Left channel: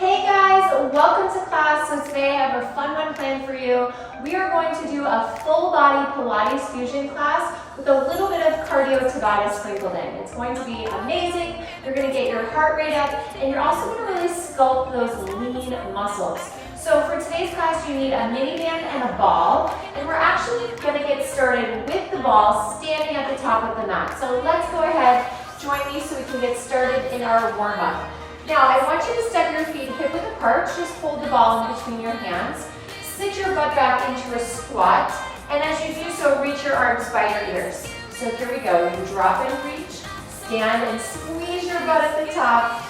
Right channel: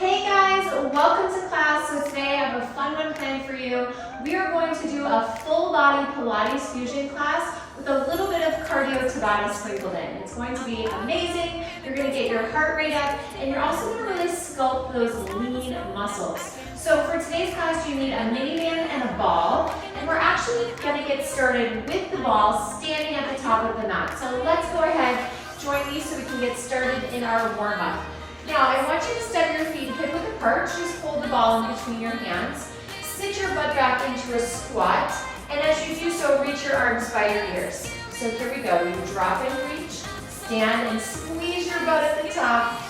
Hey guys, welcome to class. So today I have a fun one planned for you. We are going to do a full body Pilates fusion class with a little bit of cardio Tabata sprinkled in. It's going to be amazing. You're going to get your heart rate up and you're also going to really sculpt those lean muscles. So for today's class you need a mini band and a ball, and we're actually going to get started with the ball standing at the top of the mat. So let's go ahead, join me so we can get started in our warm-up. Now, I want you to step your feet hip width apart. Just hold the ball in between your hands. Sit your butt back into a squat. And as you do so, reach your arms by your ears. So here we go. You drop and reach, stand and squeeze your butt at the top.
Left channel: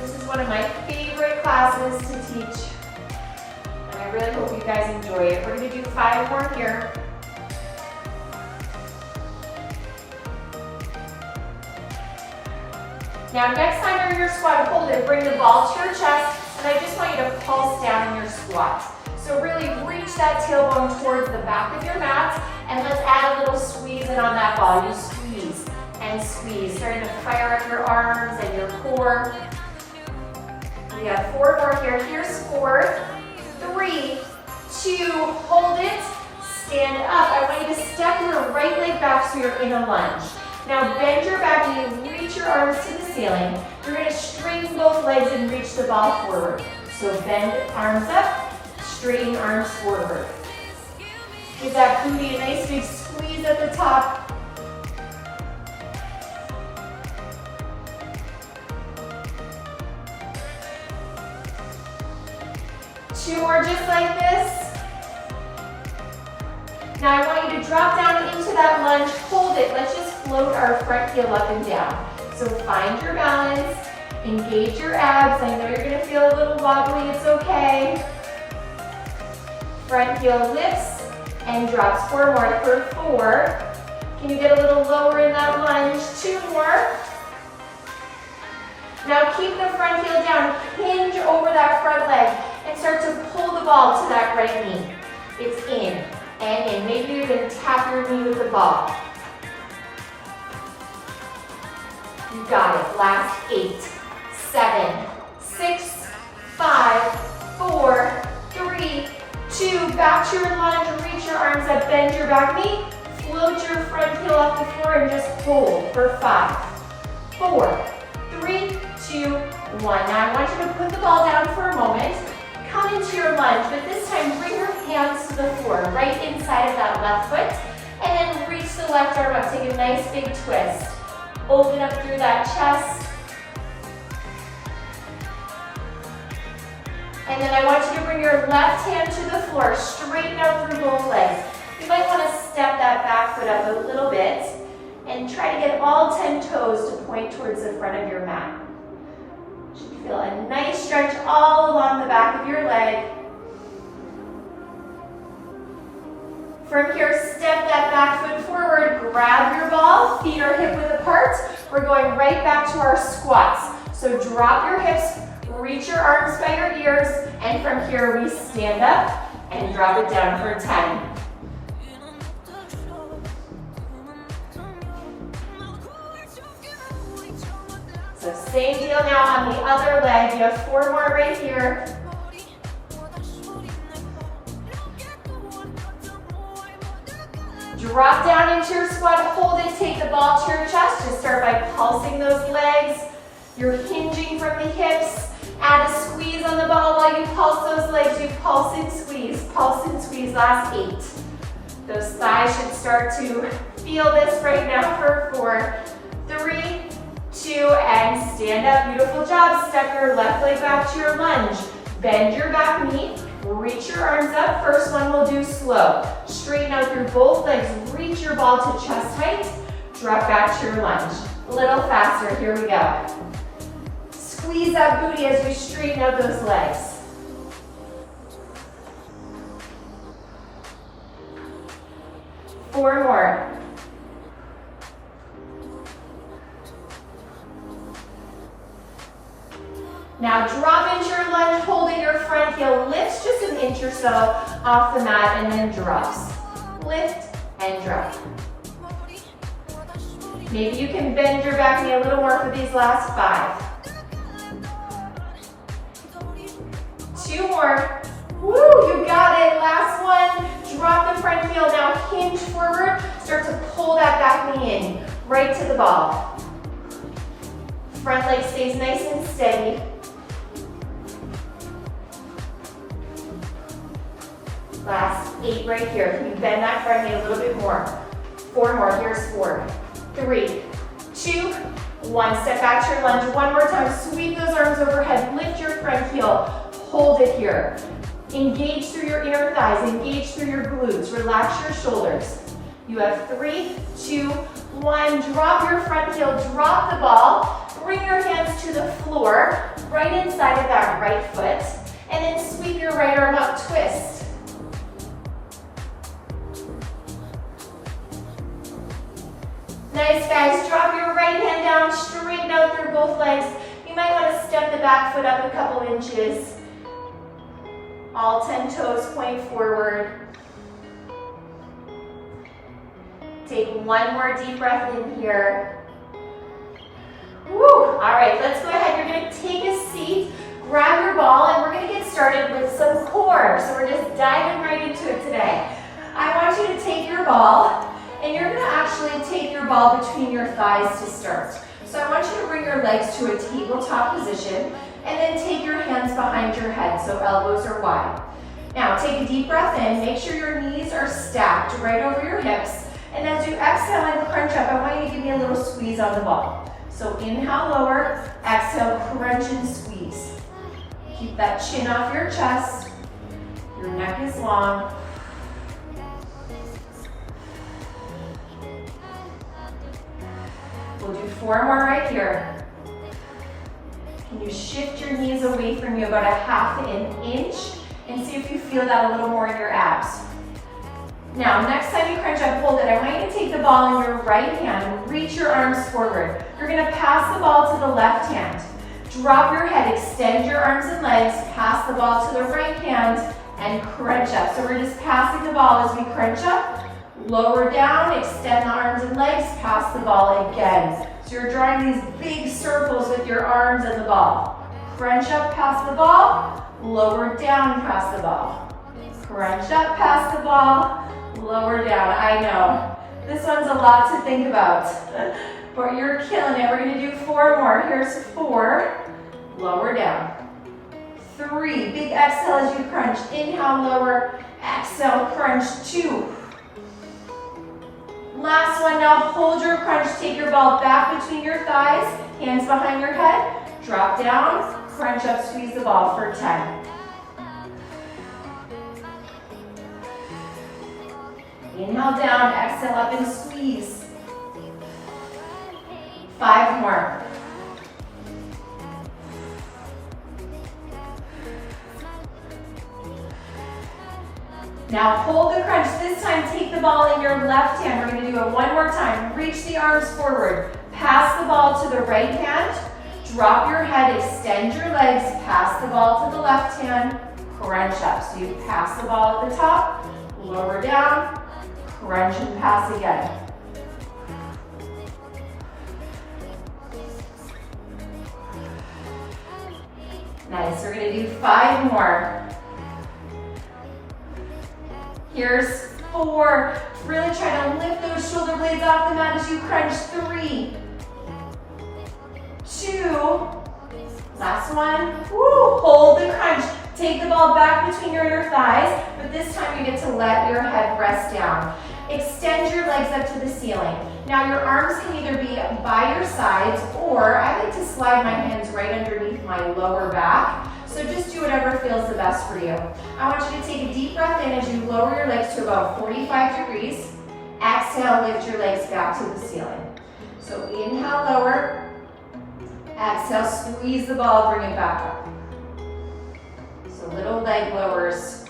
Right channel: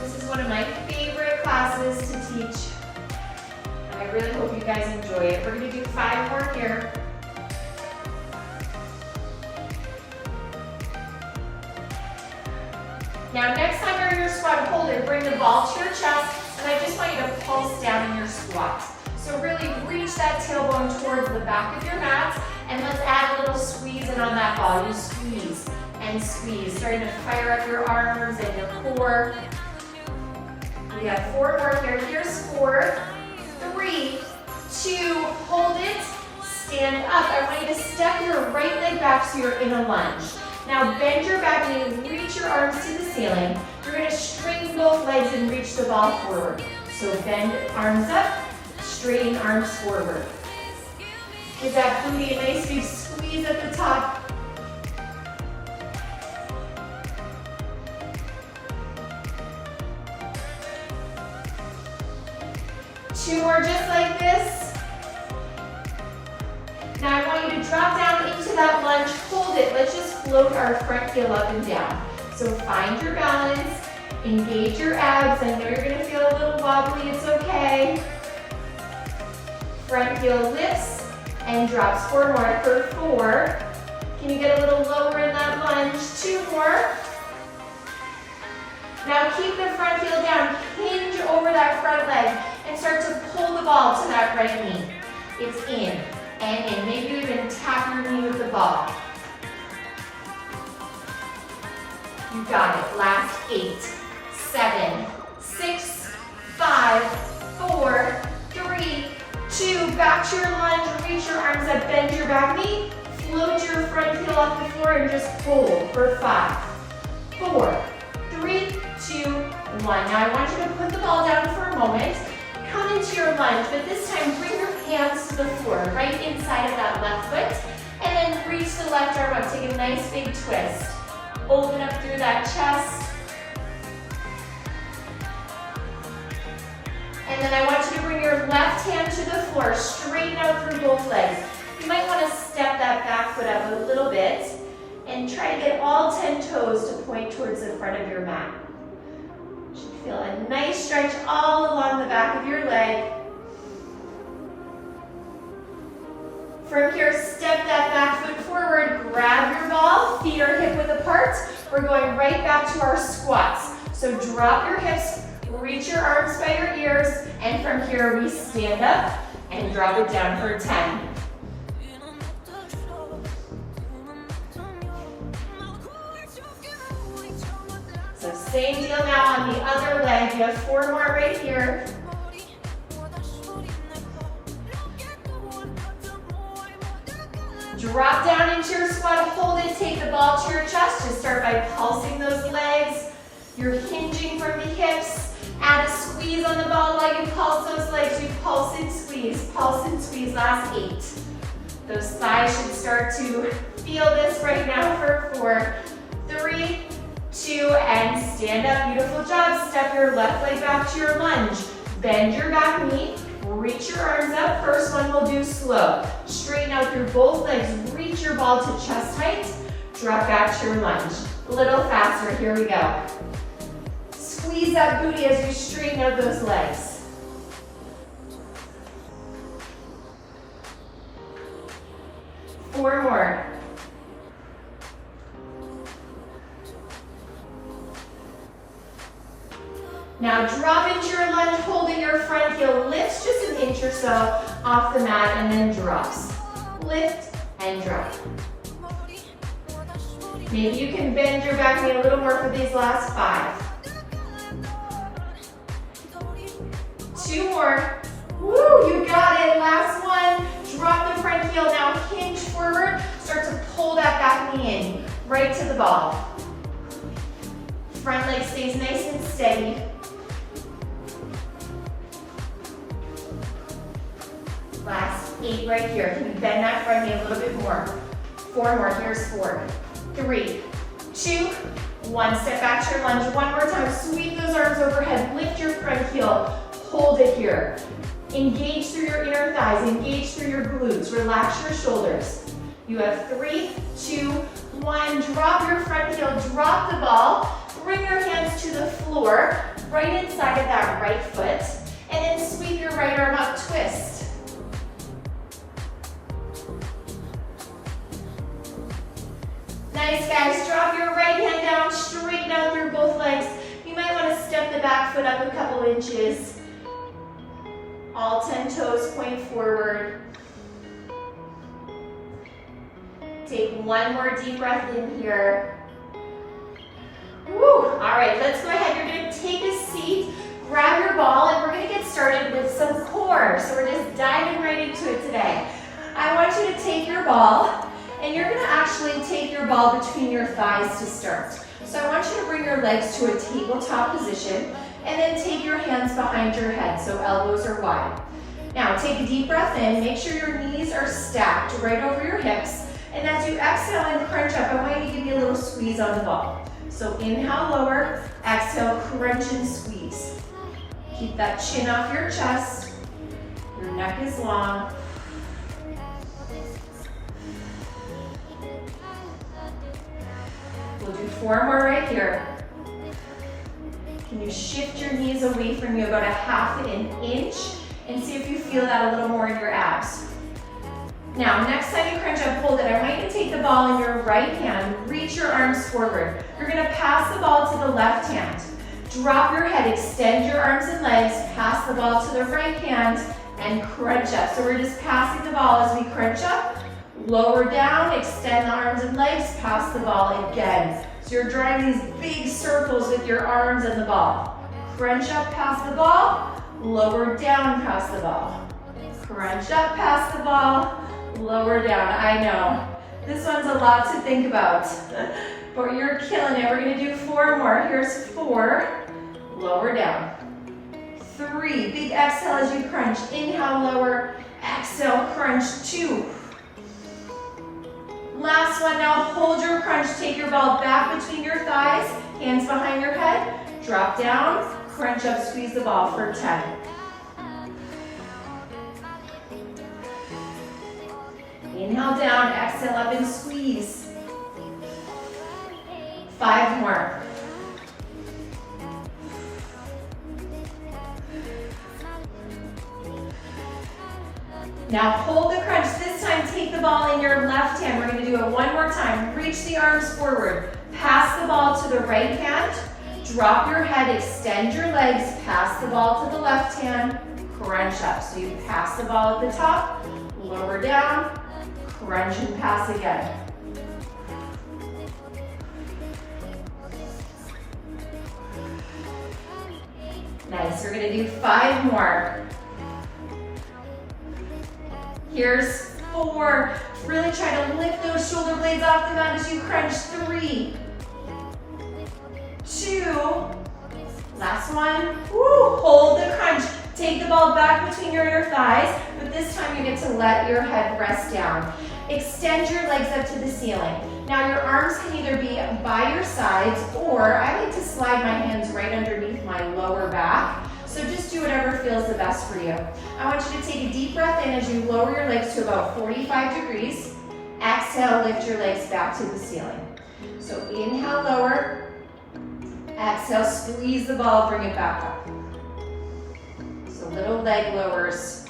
This is one of my favorite classes to teach. And I really hope you guys enjoy it. We're going to do 5 more here. Now next time you're your squat, hold it, bring the ball to your chest, and I just want you to pulse down in your squat. So really reach that tailbone towards the back of your mat, and let's add a little squeeze in on that ball. You squeeze and squeeze, starting to fire up your arms and your core. We have 4 more here. Here's 4, 3, 2, hold it, stand up. I want you to step your right leg back so you're in a lunge. Now bend your back knee, reach your arms to the ceiling. You're going to straighten both legs and reach the ball forward. So bend arms up, straighten arms forward. Give that booty a nice big squeeze at the top. Two more just like this. Now I want you to drop down into that lunge, hold it. Let's just float our front heel up and down. So find your balance, engage your abs. I know you're gonna feel a little wobbly, it's okay. Front heel lifts and drops. 4 more, for 4. Can you get a little lower in that lunge? 2 more. Now keep the front heel down, hinge over that front leg and start to pull the ball to that right knee. It's in. And then maybe you even tap your knee with the ball. You got it. Last 8, 7, 6, 5, 4, 3, 2. Back to your lunge. Reach your arms up. Bend your back knee. Float your front heel off the floor and just hold for 5, 4, 3, 2, 1. Now I want you to put the ball down for a moment. Come into your lunge, but this time bring your hands to the floor, right inside of that left foot, and then reach the left arm up. Take a nice big twist. Open up through that chest. And then I want you to bring your left hand to the floor, straighten out through both legs. You might want to step that back foot up a little bit and try to get all 10 toes to point towards the front of your mat. Should feel a nice stretch all along the back of your leg. From here, step that back foot forward, grab your ball, feet are hip width apart. We're going right back to our squats. So drop your hips, reach your arms by your ears, and from here we stand up and drop it down for 10. So same deal now on the other leg. You have 4 more right here. Drop down into your squat, hold it, take the ball to your chest. Just start by pulsing those legs. You're hinging from the hips. Add a squeeze on the ball while you pulse those legs. You pulse and squeeze, last 8. Those thighs should start to feel this right now for 4, 3, 2, and stand up. Beautiful job. Step your left leg back to your lunge. Bend your back knee. Reach your arms up. First one we'll do slow. Straighten out through both legs. Reach your ball to chest height. Drop back to your lunge. A little faster. Here we go. Squeeze that booty as we straighten out those legs. Four more. Now drop into your lunge, holding your front heel, lifts just an inch or so off the mat and then drops. Lift and drop. Maybe you can bend your back knee a little more for these last 5. 2 more. Woo, you got it. Last one. Drop the front heel. Now hinge forward. Start to pull that back knee in, right to the ball. Front leg stays nice and steady. Last 8 right here. Can you bend that front knee a little bit more? 4 more. Here's 4, 3, 2, 1. Step back to your lunge. One more time. Sweep those arms overhead. Lift your front heel. Hold it here. Engage through your inner thighs. Engage through your glutes. Relax your shoulders. You have 3, 2, 1. Drop your front heel. Drop the ball. Bring your hands to the floor, right inside of that right foot. And then sweep your right arm up. Twist. Nice, guys. Drop your right hand down, straighten out through both legs. You might want to step the back foot up a couple inches. All 10 toes point forward. Take one more deep breath in here. Woo. All right, let's go ahead. You're going to take a seat, grab your ball, and we're going to get started with some core. So we're just diving right into it today. I want you to take your ball, and you're going to actually take your ball between your thighs to start. So I want you to bring your legs to a tabletop position, and then take your hands behind your head, so elbows are wide. Now take a deep breath in. Make sure your knees are stacked right over your hips. And as you exhale and crunch up, I want you to give me a little squeeze on the ball. So inhale, lower, exhale, crunch and squeeze. Keep that chin off your chest. Your neck is long. We'll do 4 more right here. Can you shift your knees away from you about a half an inch and see if you feel that a little more in your abs. Now, next time you crunch up, hold it. I want you to take the ball in your right hand, reach your arms forward. You're gonna pass the ball to the left hand. Drop your head, extend your arms and legs, pass the ball to the right hand, and crunch up. So we're just passing the ball as we crunch up. Lower down, extend the arms and legs, pass the ball again. So you're drawing these big circles with your arms and the ball. Crunch up, pass the ball. Lower down, pass the ball. Crunch up, pass the ball. Lower down. I know. This one's a lot to think about, but you're killing it. We're going to do 4 more. Here's 4. Lower down. 3. Big exhale as you crunch. Inhale, lower. Exhale, crunch. 2. Last one. Now hold your crunch. Take your ball back between your thighs. Hands behind your head. Drop down. Crunch up. Squeeze the ball for 10. Inhale down, exhale up and squeeze. 5 more. Now hold the crunch. This time take the ball in your left hand. We're going to do it one more time. Reach the arms forward. Pass the ball to the right hand. Drop your head, extend your legs, pass the ball to the left hand. Crunch up. So you pass the ball at the top, lower down, crunch and pass again. Nice, we're gonna do 5 more. Here's 4. Really try to lift those shoulder blades off the mat as you crunch. 3, 2, last one. Woo, hold the crunch. Take the ball back between your thighs, but this time you get to let your head rest down. Extend your legs up to the ceiling. Now your arms can either be by your sides, or I like to slide my hands right underneath my lower back. So just do whatever feels the best for you. I want you to take a deep breath in as you lower your legs to about 45 degrees. Exhale, lift your legs back to the ceiling. So inhale, lower. Exhale, squeeze the ball, bring it back up. So little leg lowers.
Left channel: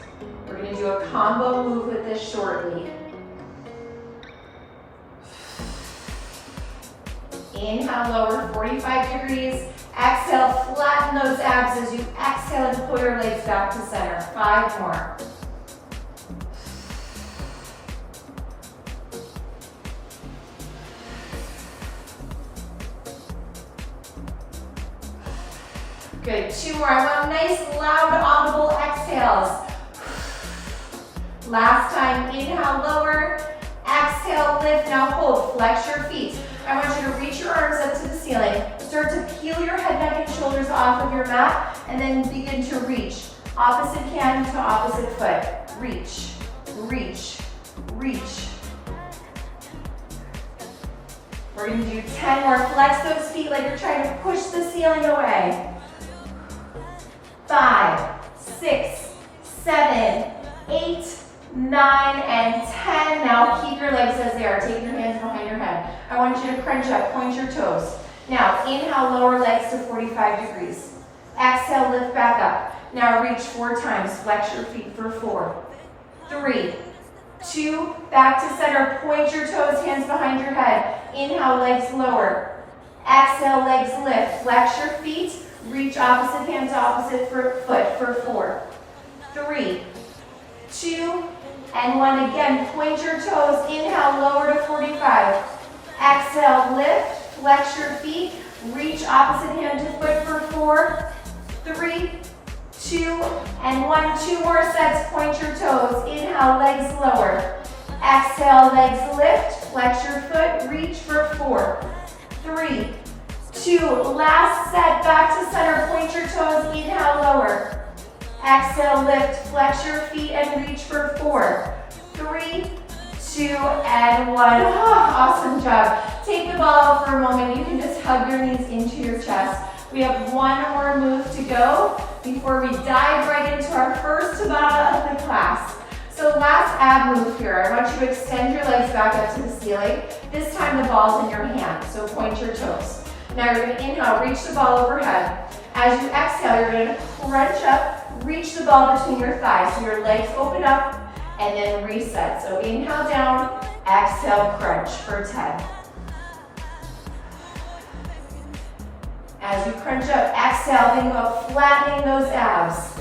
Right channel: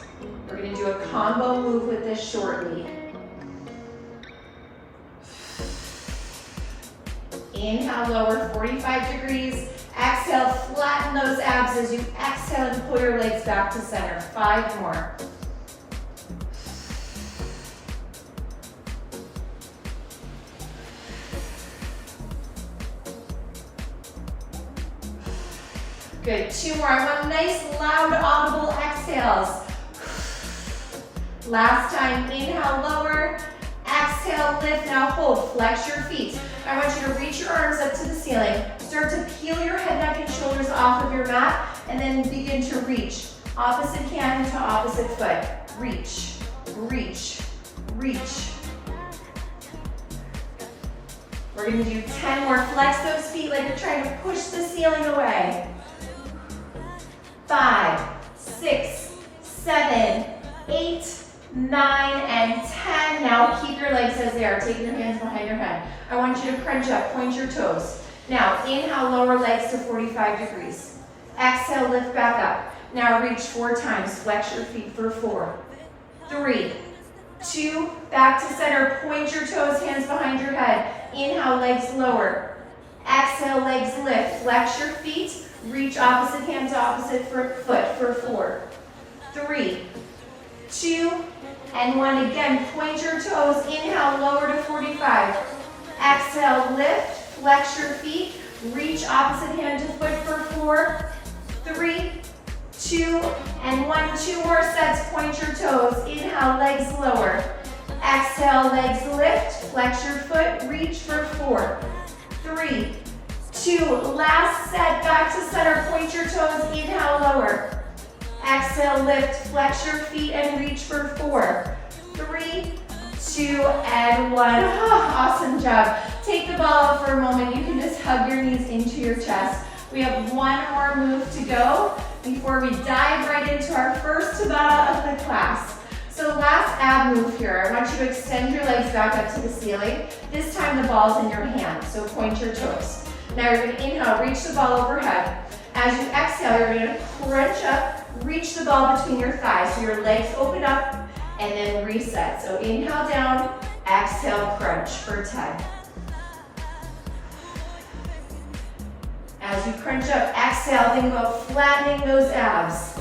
We're going to do a combo move with this shortly. Inhale, lower, 45 degrees. Exhale, flatten those abs as you exhale and pull your legs back to center. 5 more. Good, 2 more. I want nice, loud, audible exhales. Last time, inhale, lower. Exhale, lift, now hold, flex your feet. I want you to reach your arms up to the ceiling. Start to peel your head, neck, and shoulders off of your mat, and then begin to reach. Opposite hand to opposite foot. Reach, reach, reach. We're gonna do 10 more. Flex those feet like you're trying to push the ceiling away. 5, 6, 7, 8, 9, and 10. Now keep your legs as they are. Take your hands behind your head. I want you to crunch up, point your toes. Now inhale, lower legs to 45 degrees. Exhale, lift back up. Now reach 4 times. Flex your feet for 4, 3, 2, back to center. Point your toes, hands behind your head. Inhale, legs lower. Exhale, legs lift. Flex your feet. Reach opposite hand to opposite foot for 4, 3, 2, and 1. Again, point your toes. Inhale, lower to 45. Exhale, lift. Flex your feet. Reach opposite hand to foot for 4, 3, 2, and 1. 2 more sets. Point your toes. Inhale, legs lower. Exhale, legs lift. Flex your foot. Reach for 4, 3, 2. Last set. Back to center. Point your toes. Inhale, lower. Exhale, lift. Flex your feet and reach for 4, 3, 2, and 1. Oh, awesome job. Take the ball out for a moment. You can just hug your knees into your chest. We have 1 more move to go before we dive right into our first Tabata of the class. So last ab move here. I want you to extend your legs back up to the ceiling. This time the ball's in your hand, so point your toes. Now you're going to inhale, reach the ball overhead. As you exhale, you're going to crunch up, reach the ball between your thighs. So your legs open up and then reset. So inhale down, exhale, crunch for 10. As you crunch up, exhale, think about flattening those abs.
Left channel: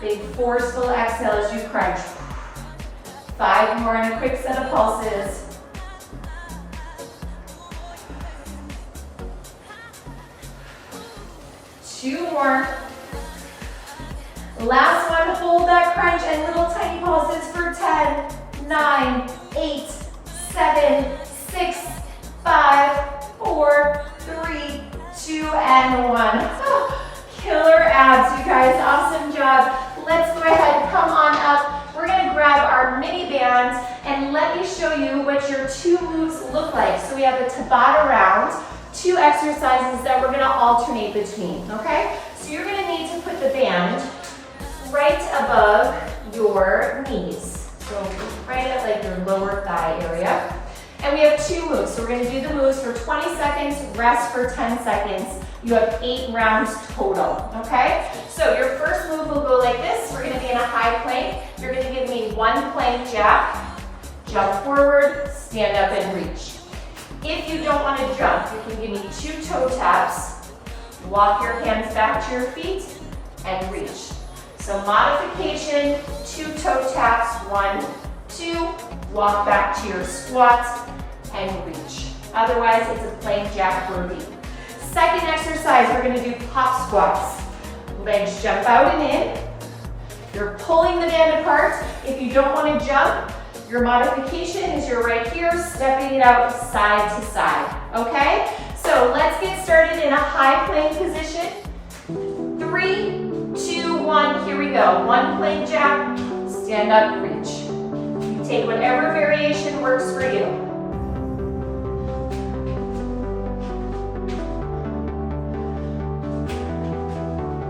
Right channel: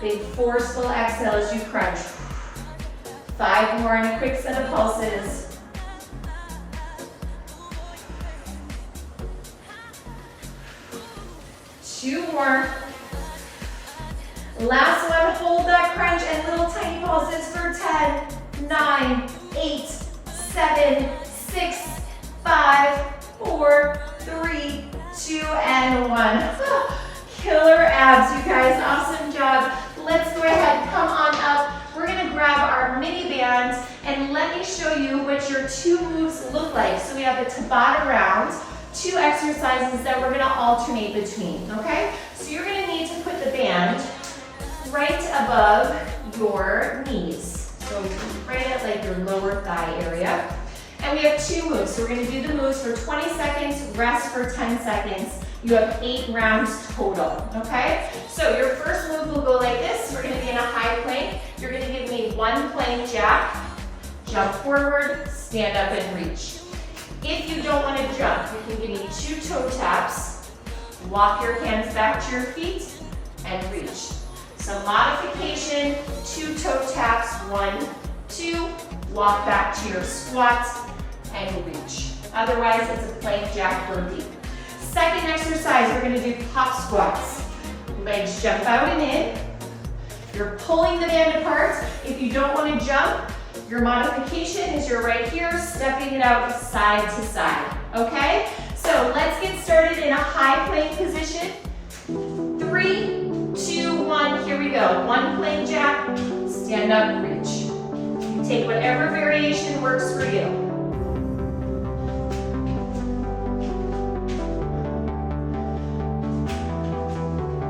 Big forceful exhale as you crunch. 5 more and a quick set of pulses. Two more. Last one, hold that crunch and little tiny pulses for 10, 9, 8, 7, 6, 5, 4, 3, 2, and 1. Killer abs, you guys, awesome job. Let's go ahead, come on up. We're gonna grab our mini bands and let me show you what your 2 moves look like. So we have a Tabata round, 2 exercises that we're gonna alternate between, okay? So you're gonna need to put the band right above your knees. So right at like your lower thigh area. And we have 2 moves. So we're gonna do the moves for 20 seconds, rest for 10 seconds. You have 8 rounds total, okay? So your first move will go like this. We're gonna be in a high plank. You're gonna give me 1 plank jack, jump forward, stand up and reach. If you don't wanna jump, you can give me 2 toe taps, walk your hands back to your feet, and reach. So modification, 2 toe taps, 1, 2, walk back to your squat, and reach. Otherwise, it's a plank jack for a beat. Second exercise, we're gonna do pop squats. Legs jump out and in. You're pulling the band apart. If you don't wanna jump, your modification is you're right here, stepping it out side to side, okay? So let's get started in a high plank position. 3, 2, 1, here we go. 1 plank jack, stand up, reach. You take whatever variation works for you.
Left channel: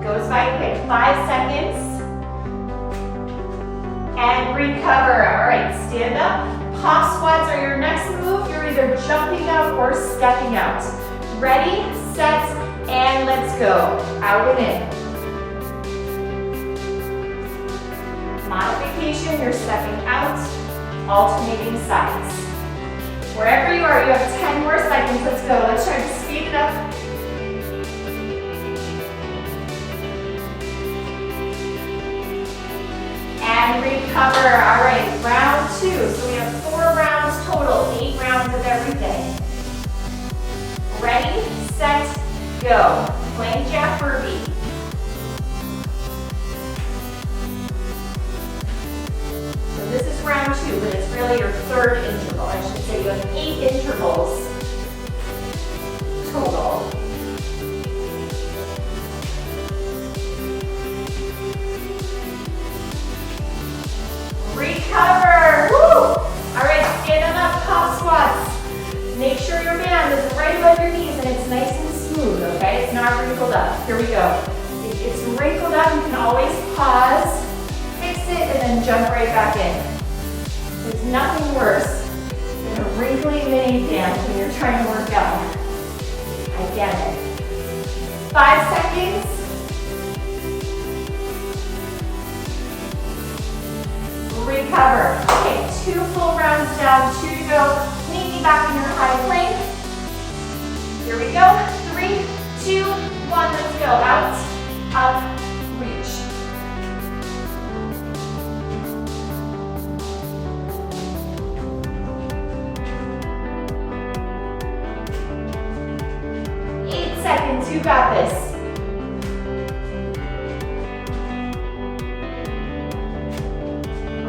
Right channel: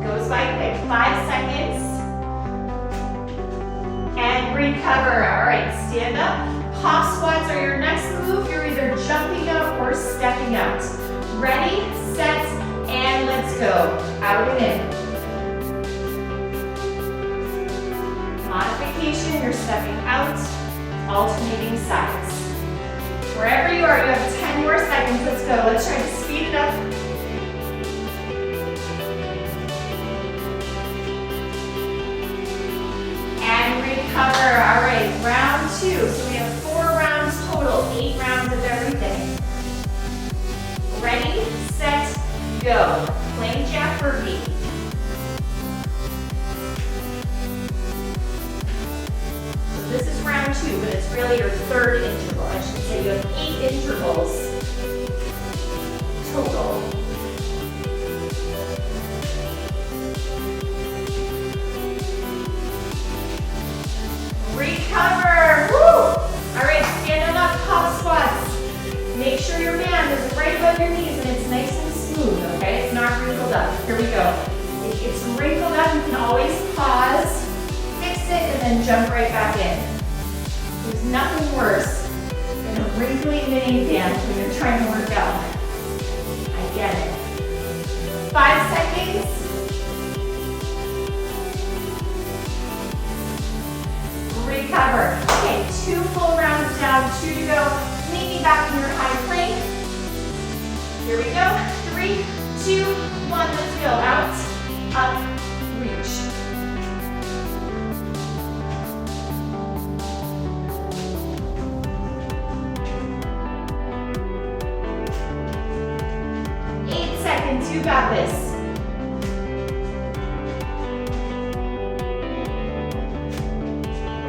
Goes by quick, 5 seconds. And recover. All right, stand up. Pop squats are your next move. You're either jumping up or stepping out. Ready, set, and let's go. Out and in. Modification, you're stepping out, alternating sides. Wherever you are, you have 10 more seconds. Let's go. Let's try to speed it up. And recover. All right, round 2. So we have 4 rounds total, 8 rounds of everything. Ready, set, go. go. Plank jack burpee. So this is round 2, but it's really your 3rd interval. I should say you have 8 intervals total. Recover. Woo! All right, stand them up, top squats. Make sure your band is right above your knees and it's nice and smooth, okay? It's not wrinkled up. Here we go. If it's wrinkled up, you can always pause, fix it, and then jump right back in. There's nothing worse than a wrinkly mini band when you're trying to work out. I get it. 5 seconds. Recover. Okay, 2 full rounds down, 2 to go. Maybe back in your high plank. Here we go. 3, 2, 1, let's go. Out, up, reach. You got this.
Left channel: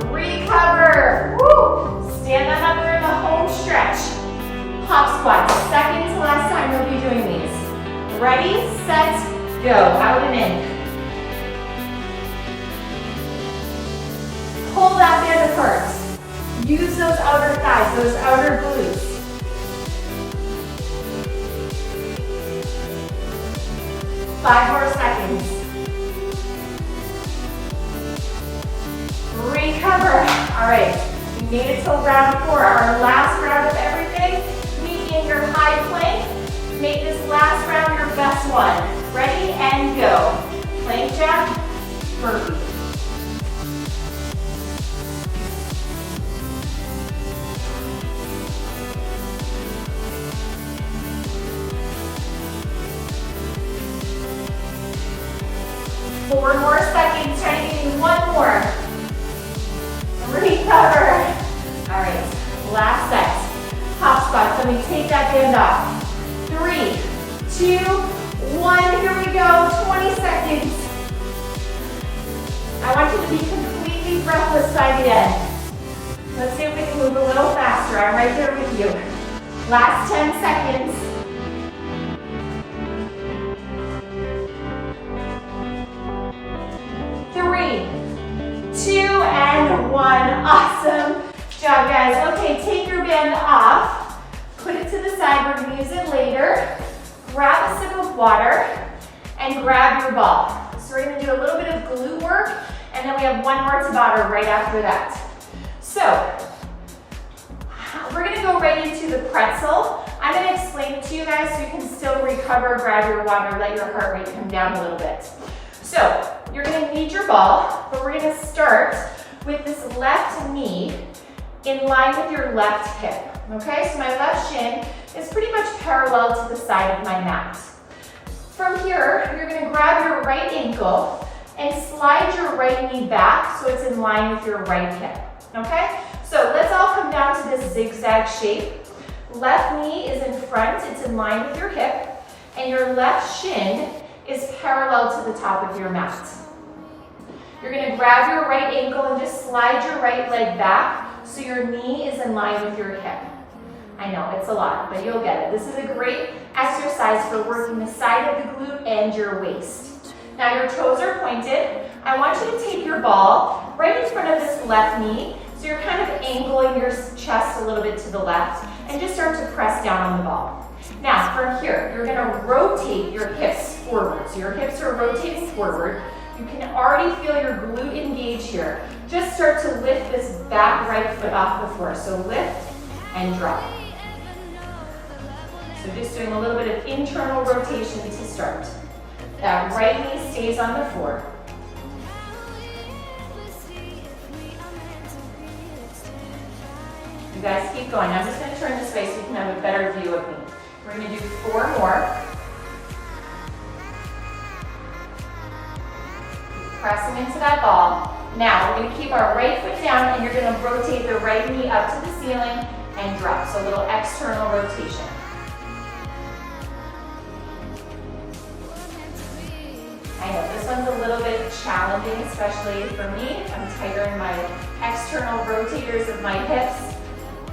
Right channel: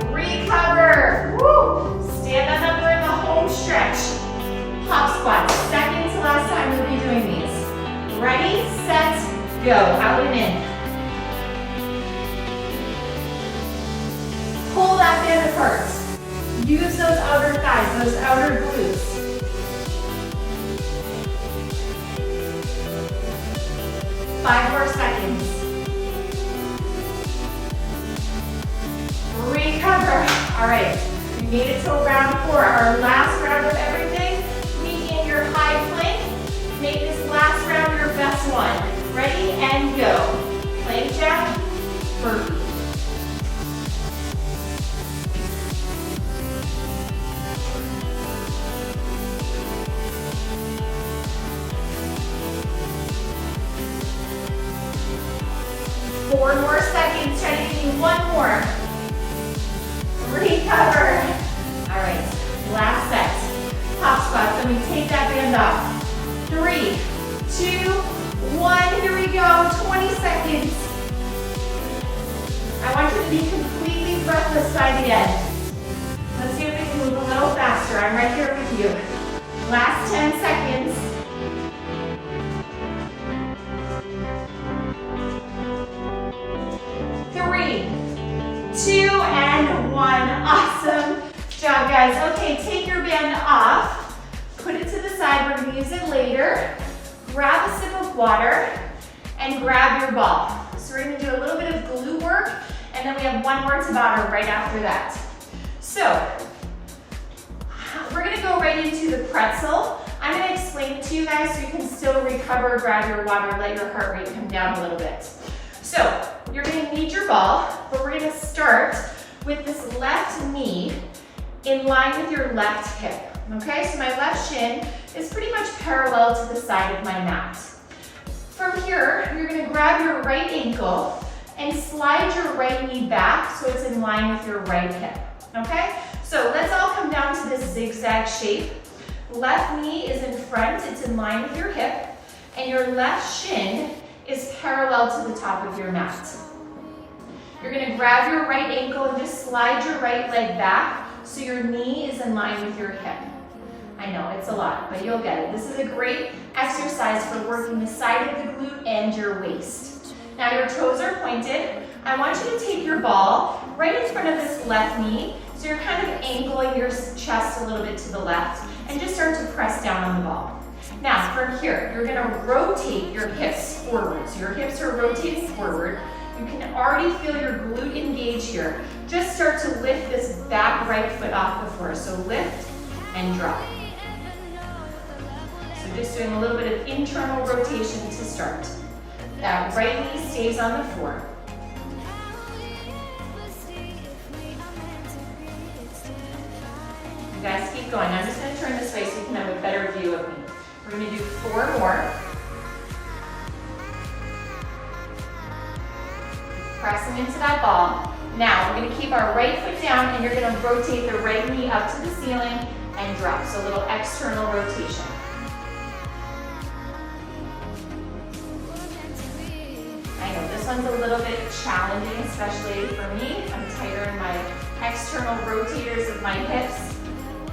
Recover. Woo. Stand on up, we're in the home stretch. Hop squats. Second to last time we'll be doing these. Ready, set, go. Out and in. Pull that band apart. Use those outer thighs, those outer glutes. 5 more seconds. Recover. All right, we made it to round 4, our last round of everything. Meet in your high plank. Make this last round your best one. Ready and go. Plank jack, burpee. Four more seconds, try to give me 1 more. Recover. All right, last set. Hop squats, then we take that band off. 3, 2, 1, here we go, 20 seconds. I want you to be completely breathless by the end. Let's see if we can move a little faster. I'm right here with you. Last 10 seconds. 2 and 1. Awesome job, guys. Okay, take your band off. Put it to the side. We're going to use it later. Grab a sip of water and grab your ball. So we're going to do a little bit of glute work, and then we have 1 more Tabata right after that. So we're going to go right into the pretzel. I'm going to explain it to you guys so you can still recover, grab your water, let your heart rate come down a little bit. So you're going to need your ball, but we're going to start with this left knee in line with your left hip. Okay, so my left shin is pretty much parallel to the side of my mat. From here, you're going to grab your right ankle and slide your right knee back so it's in line with your right hip. Okay, so let's all come down to this zigzag shape. Left knee is in front, it's in line with your hip, and your left shin is parallel to the top of your mat. You're going to grab your right ankle and just slide your right leg back so your knee is in line with your hip. I know, it's a lot, but you'll get it. This is a great exercise for working the side of the glute and your waist. Now your toes are pointed. I want you to take your ball right in front of this left knee, so you're kind of angling your chest a little bit to the left, and just start to press down on the ball. Now, from here, you're gonna rotate your hips forward. So your hips are rotating forward. You can already feel your glute engage here. Just start to lift this back right foot off the floor. So lift and drop. So just doing a little bit of internal rotation to start. That right knee stays on the floor. You guys keep going. I'm just gonna turn this way so you can have a better view of me. We're going to do 4 more. Pressing into that ball. Now, we're going to keep our right foot down and you're going to rotate the right knee up to the ceiling and drop. So a little external rotation. this one's a little bit challenging, especially for me. I'm tighter in my external rotators of my hips.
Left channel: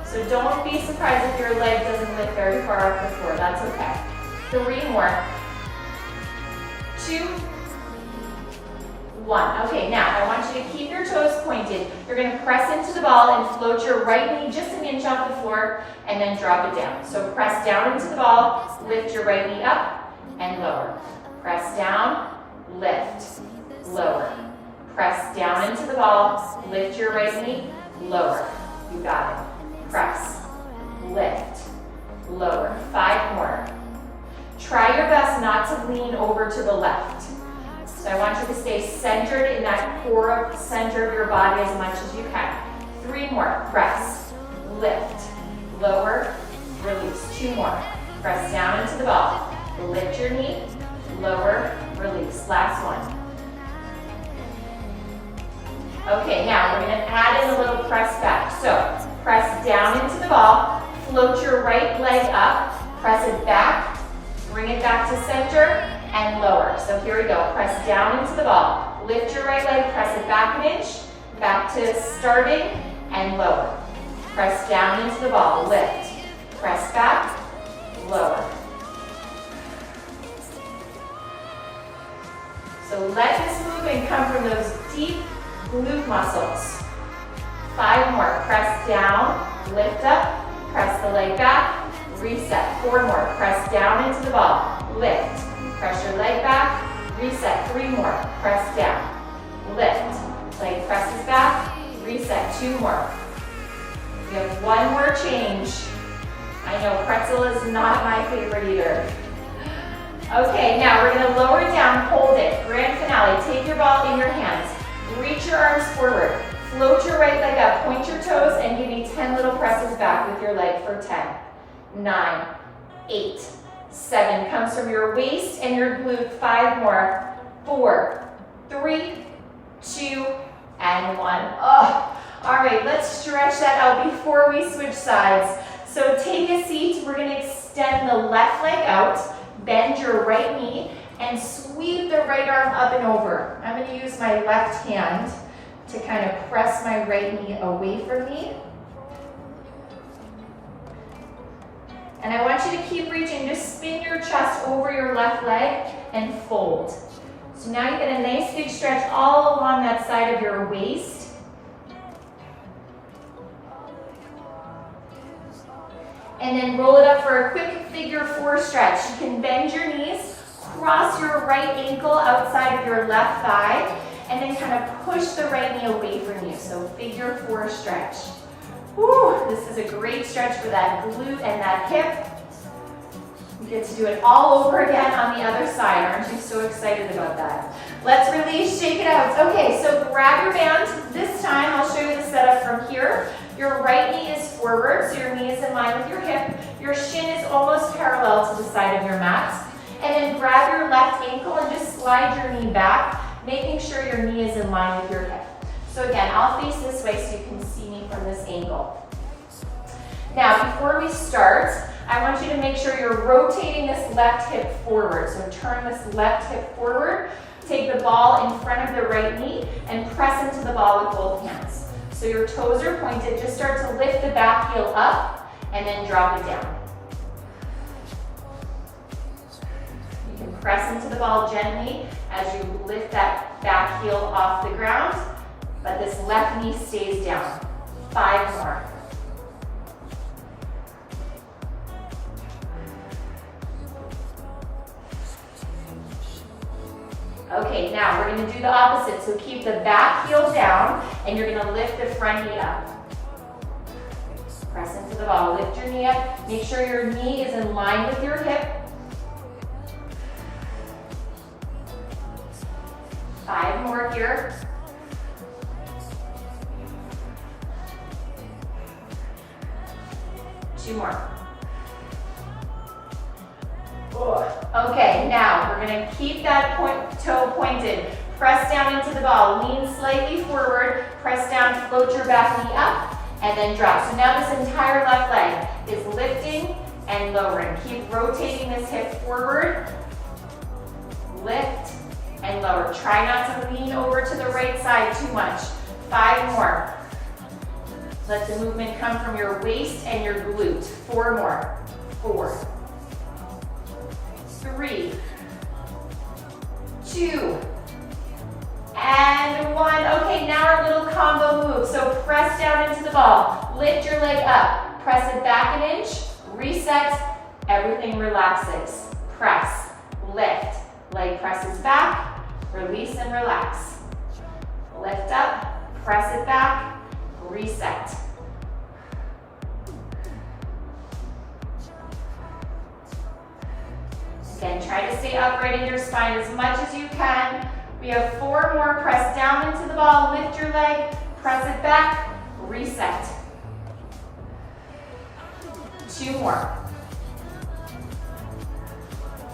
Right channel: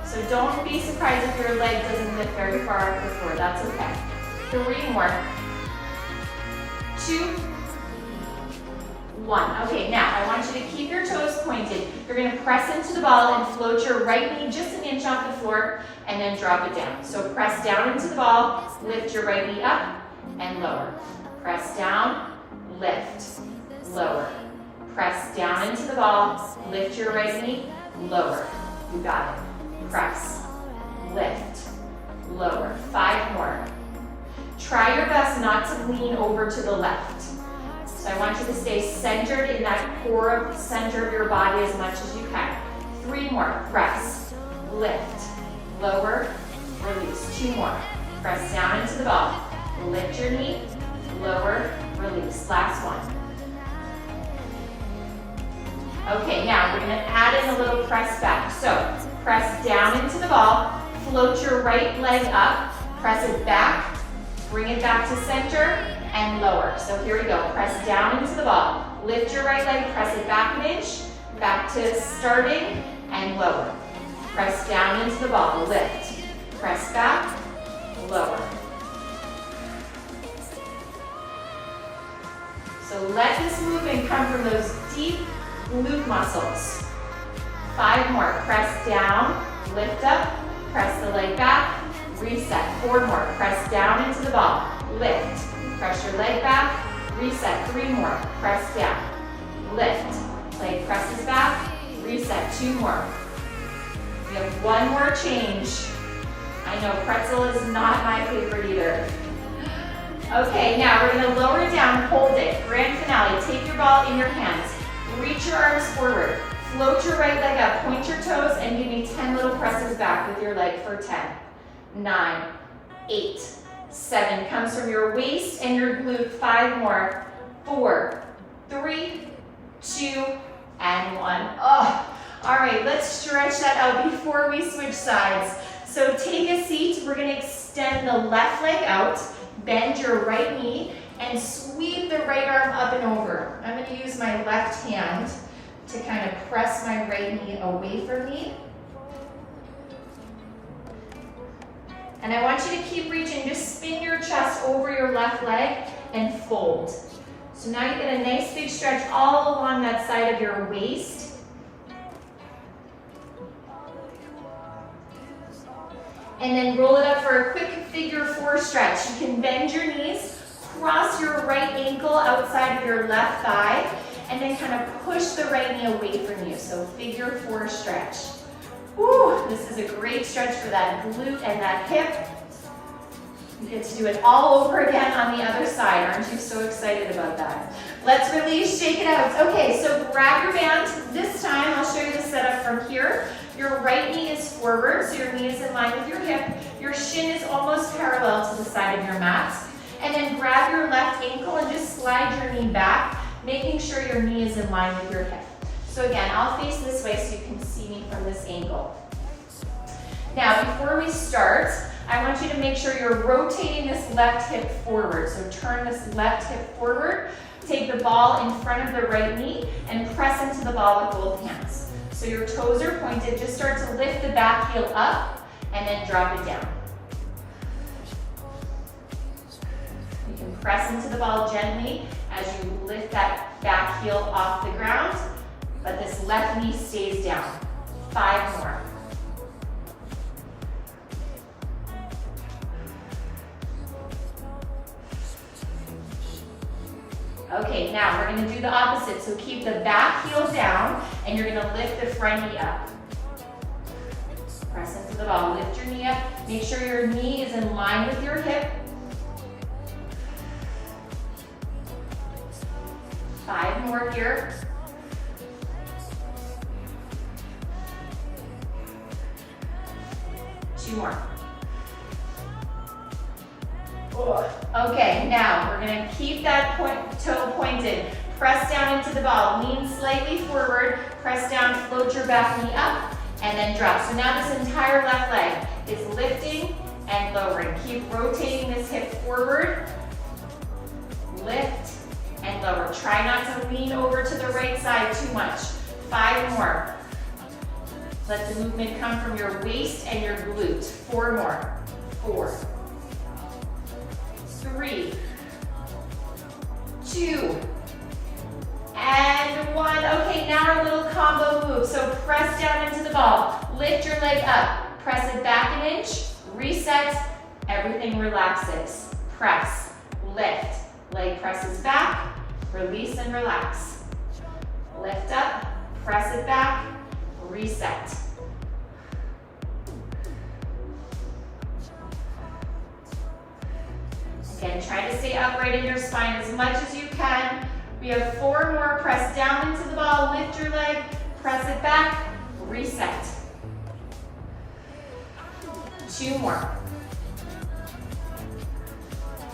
So don't be surprised if your leg doesn't lift very far off the floor. That's okay. 3 more. 2, 1. Okay, now I want you to keep your toes pointed. You're going to press into the ball and float your right knee just an inch off the floor and then drop it down. So press down into the ball, lift your right knee up and lower. Press down, lift, lower. Press down into the ball, lift your right knee, lower. You got it. Press, lift, lower. 5 more. Try your best not to lean over to the left. So I want you to stay centered in that core center of your body as much as you can. 3 more. Press, lift, lower, release. 2 more. Press down into the ball. Lift your knee, lower, release. Last one. Okay, now we're going to add in a little press back. So press down into the ball, float your right leg up, press it back, bring it back to center, and lower. So here we go. Press down into the ball. Lift your right leg, press it back an inch, back to starting, and lower. Press down into the ball. Lift. Press back, lower. So let this movement come from those deep glute muscles. 5 more. Press down, lift up, press the leg back, reset. 4 more. Press down into the ball. Lift. Press your leg back, reset. 3 more. Press down. Lift. Leg presses back, reset. 2 more. We have 1 more change. I know pretzel is not my favorite either. Okay, now we're going to lower down, hold it. Grand finale. Take your ball in your hands. Reach your arms forward. Float your right leg up. Point your toes and give me 10 little presses back with your leg for 10, 9, 8, 7. Comes from your waist and your glute. 5 more. 4, 3, 2, and 1. Oh, all right, let's stretch that out before we switch sides. So take a seat. We're going to extend the left leg out. Bend your right knee and sweep the right arm up and over. I'm going to use my left hand to kind of press my right knee away from me. And I want you to keep reaching. Just spin your chest over your left leg and fold. So now you get a nice big stretch all along that side of your waist. And then roll it up for a quick figure 4 stretch. You can bend your knees, cross your right ankle outside of your left thigh, and then kind of push the right knee away from you. So figure 4 stretch. Woo, this is a great stretch for that glute and that hip. You get to do it all over again on the other side. Aren't you so excited about that? Let's release, shake it out. Okay, so grab your band. This time I'll show you the setup from here. Your right knee is forward, so your knee is in line with your hip. Your shin is almost parallel to the side of your mat. And then grab your left ankle and just slide your knee back, making sure your knee is in line with your hip. So again, I'll face this way so you can see me from this angle. Now, before we start, I want you to make sure you're rotating this left hip forward. So turn this left hip forward, take the ball in front of the right knee, and press into the ball with both hands. So your toes are pointed. Just start to lift the back heel up and then drop it down. You can press into the ball gently as you lift that back heel off the ground, but this left knee stays down. 5 more. Okay, now we're going to do the opposite. So keep the back heel down and you're going to lift the front knee up. Press into the ball, lift your knee up. Make sure your knee is in line with your hip. 5 more here. Two more. Okay, now we're going to keep that toe pointed. Press down into the ball. Lean slightly forward. Press down, float your back knee up, and then drop. So now this entire left leg is lifting and lowering. Keep rotating this hip forward. Lift and lower. more. Try not to lean over to the right side too much. 5 more. Let the movement come from your waist and your glute. 4 more. 4, 3, 2, and 1. Okay, now our little combo move. So press down into the ball. Lift your leg up. Press it back an inch. Reset. Everything relaxes. Press. Lift. Leg presses back. Release and relax. Lift up. Press it back. Reset. Again, try to stay upright in your spine as much as you can. We have 4 more. Press down into the ball, lift your leg, press it back, reset. 2 more.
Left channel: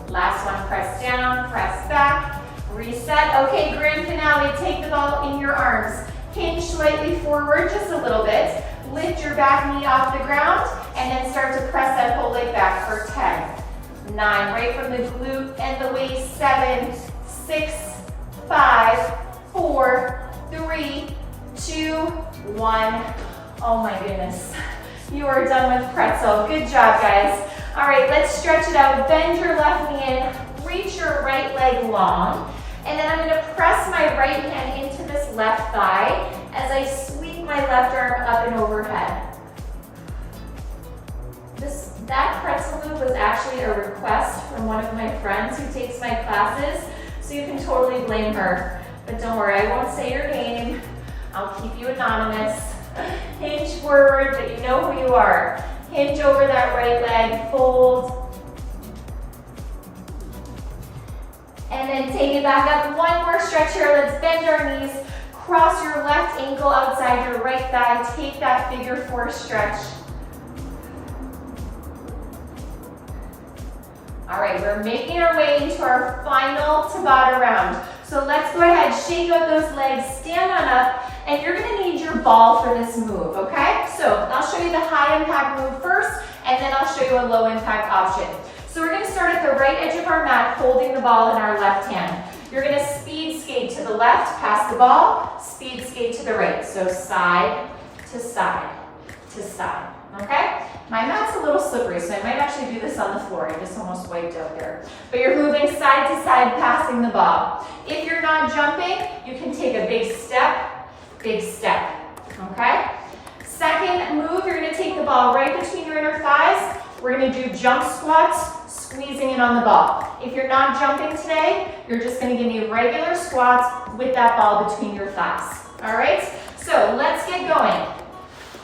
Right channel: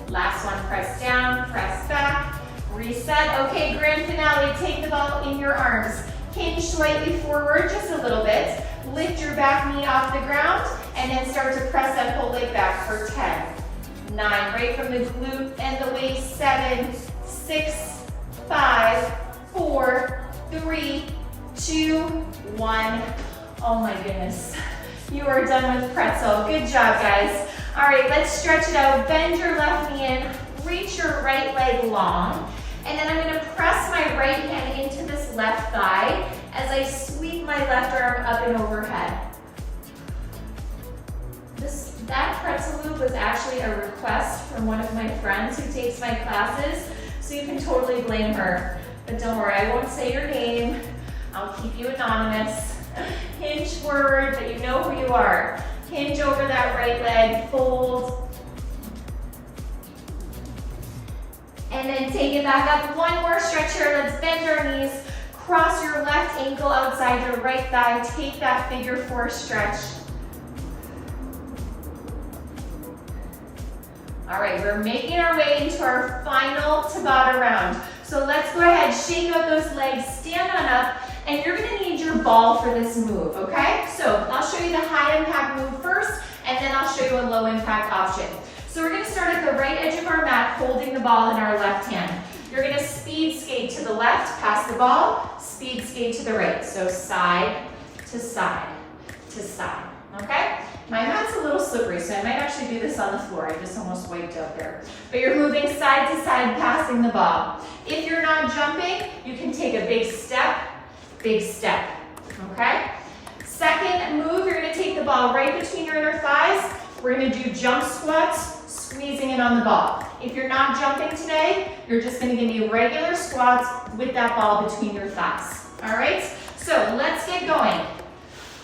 Last one, press down, press back, reset. Okay, grand finale, take the ball in your arms. Hinge slightly forward, just a little bit. Lift your back knee off the ground, and then start to press that whole leg back for 10, 9, right from the glute and the waist, 7, 6, 5, 4, 3, 2, 1. Oh my goodness. You are done with pretzel. Good job, guys. All right, let's stretch it out. Bend your left knee in, reach your right leg long, and then I'm gonna press my right hand into this left thigh as I sweep my left arm up and overhead. That pretzel move was actually a request from one of my friends who takes my classes, so you can totally blame her. But don't worry, I won't say your name. I'll keep you anonymous. Hinge forward, but you know who you are. Hinge over that right leg, fold. And then take it back up. 1 more stretch here. Let's bend our knees. Cross your left ankle outside your right thigh. Take that figure 4 stretch. All right, we're making our way into our final Tabata round. So let's go ahead, shake out those legs, stand on up, and you're gonna need your ball for this move, okay? So I'll show you the high impact move first, and then I'll show you a low impact option. So we're gonna start at the right edge of our mat, holding the ball in our left hand. You're gonna speed skate to the left, pass the ball, speed skate to the right. So side to side to side, okay? My mat's a little slippery, so I might actually do this on the floor. I just almost wiped out there. But you're moving side to side, passing the ball. If you're not jumping, you can take a big step, okay? Second move, you're gonna take the ball right between your inner thighs. We're gonna do jump squats, squeezing in on the ball. If you're not jumping today, you're just gonna give me regular squats with that ball between your thighs, all right? So let's get going.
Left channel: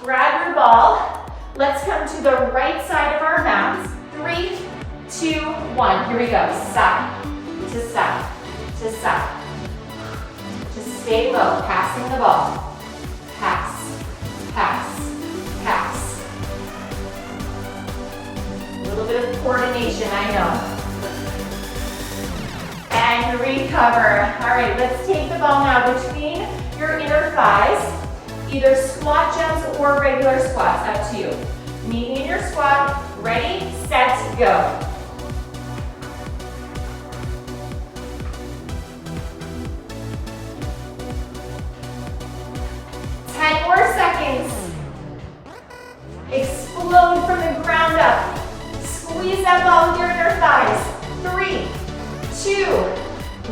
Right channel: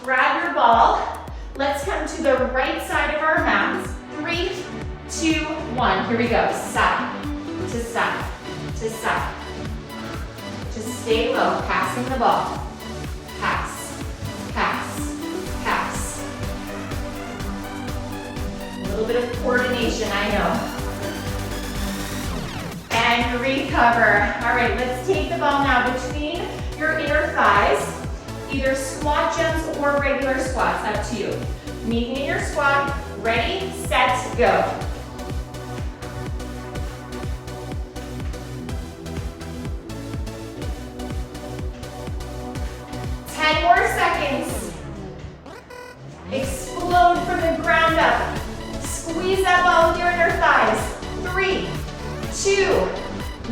Grab your ball. Let's come to the right side of our mats. 3, 2, 1. Here we go. Side to side to side. Just stay low, passing the ball. Pass, pass, pass. A little bit of coordination, I know. And recover. All right, let's take the ball now between your inner thighs. Either squat jumps or regular squats, up to you. Meet me in your squat. Ready, set, go. More seconds. Explode from the ground up. Squeeze that ball with your inner thighs. 3, 2,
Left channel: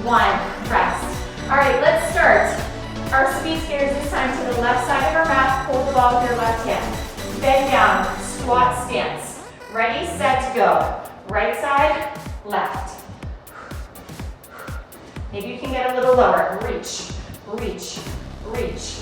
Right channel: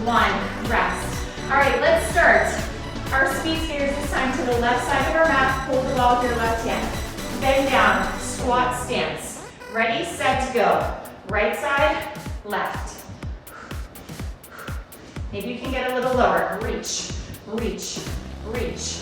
1, rest. All right, let's start. Our speed skaters this time to the left side of our mat. Hold the ball with your left hand. Bend down, squat stance. Ready, set, go. Right side, left. Maybe you can get a little lower. Reach, reach, reach.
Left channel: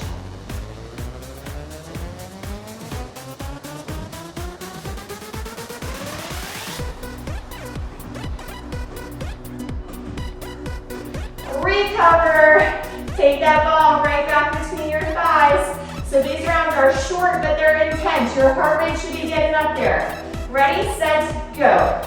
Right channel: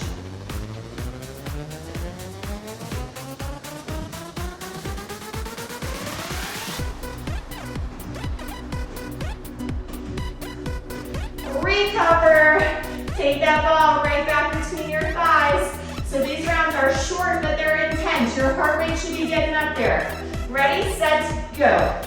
Recover. Take that ball right back between your thighs. So these rounds are short, but they're intense. Your heart rate should be getting up there. Ready, set, go.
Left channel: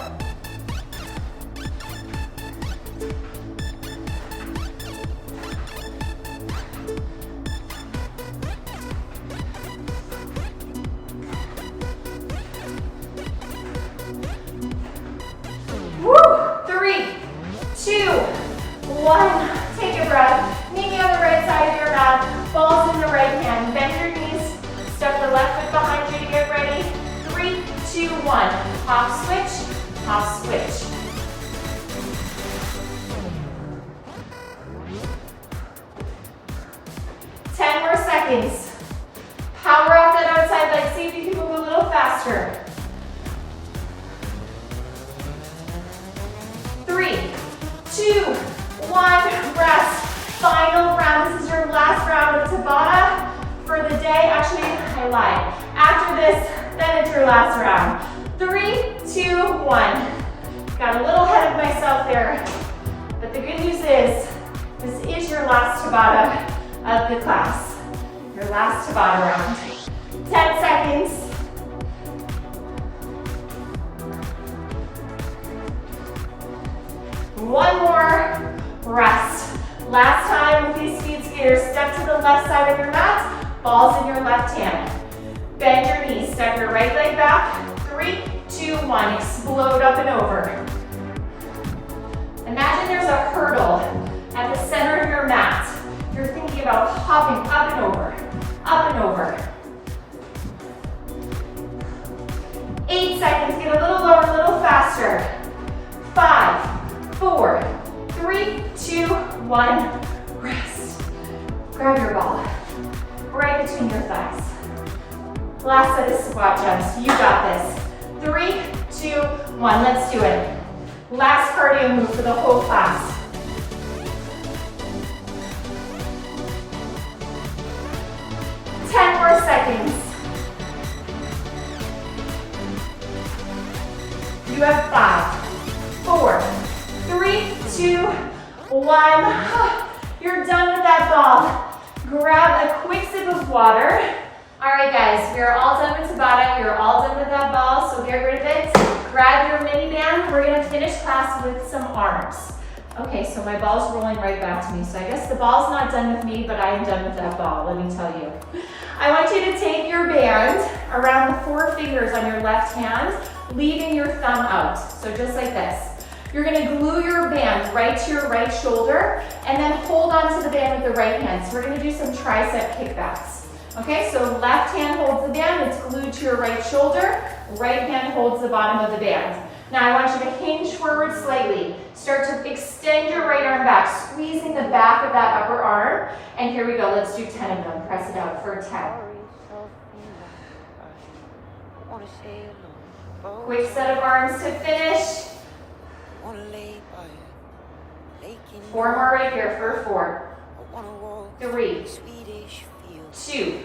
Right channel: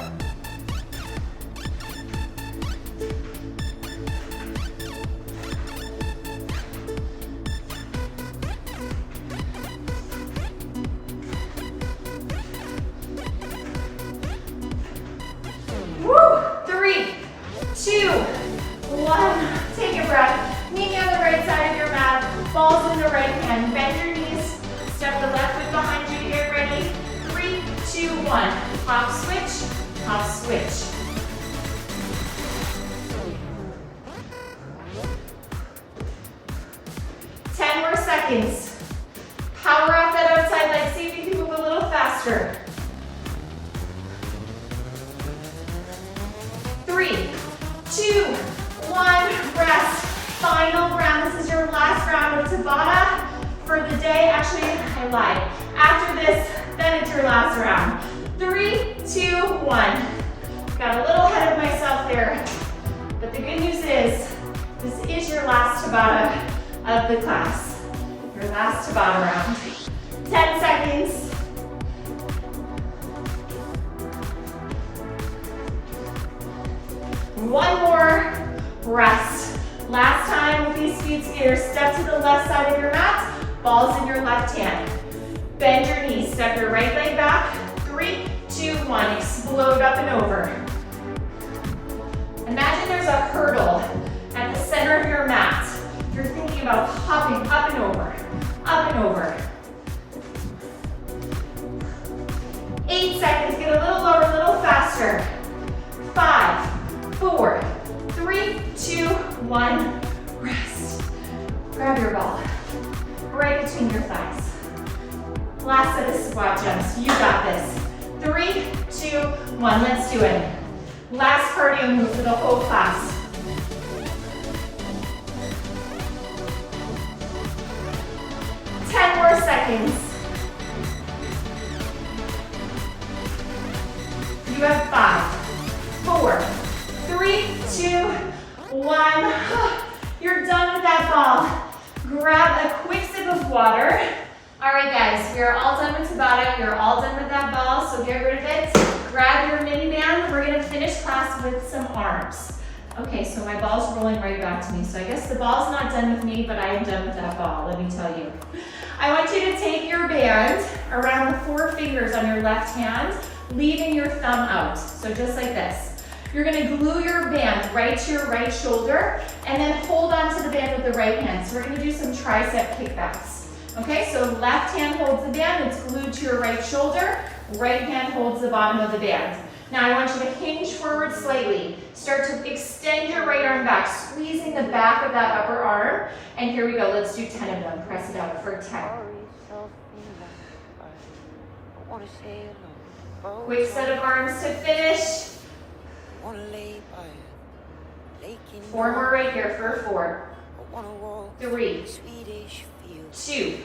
Woo! 3, 2, 1. Take a breath. Meet me on the right side of your mat. Balls in the right hand. Bend your knees. Step the left foot behind you to get ready. 3, 2, 1. Hop, switch, hop, switch. More seconds. Power off that outside leg. See if you can move a little faster. 3, 2, 1. Rest. Final round. This is your last round of Tabata for the day. Actually, I lied. After this, then it's your last round. 3, 2, 1. Got a little ahead of myself there. But the good news is, this is your last Tabata of the class. Your last Tabata round. 10 seconds. One more. Rest. Last time with these speed skaters, step to the left side of your mat, balls in your left hand. Bend your knees, step your right leg back. 3, 2, 1. Explode up and over. Imagine there's a hurdle at the center of your mat. You're thinking about hopping up and over, up and over. 8 seconds, get a little lower, a little faster. 5, 4, 3, 2, 1, rest. Grab your ball, right between your thighs. Last set of squat jumps, you got this. 3, 2, 1, let's do it. Last cardio move for the whole class. 10 more seconds. You have 5, 4, 3, 2, 1. You're done with that ball. Grab a quick sip of water. All right, guys, we are all done with Tabata. We are all done with that ball, so get rid of it. Grab your mini band. We're gonna finish class with some arms. Okay, so my ball's rolling right back to me. So I guess the ball's not done with me, but I am done with that ball, let me tell you. I want you to take your band around the 4 fingers on your left hand, leaving your thumb out. So just like this. You're gonna glue your band right to your right shoulder and then hold on to the band with the right hand. So we're gonna do some tricep kickbacks. Okay, so left hand holds the band, it's glued to your right shoulder. Right hand holds the bottom of the band. Now I want you to hinge forward slightly. Start to extend your right arm back, squeezing the back of that upper arm. And here we go, let's do 10 of them. Press it out for 10. Quick set of arms to finish. 4 more right here for 4, 3, 2.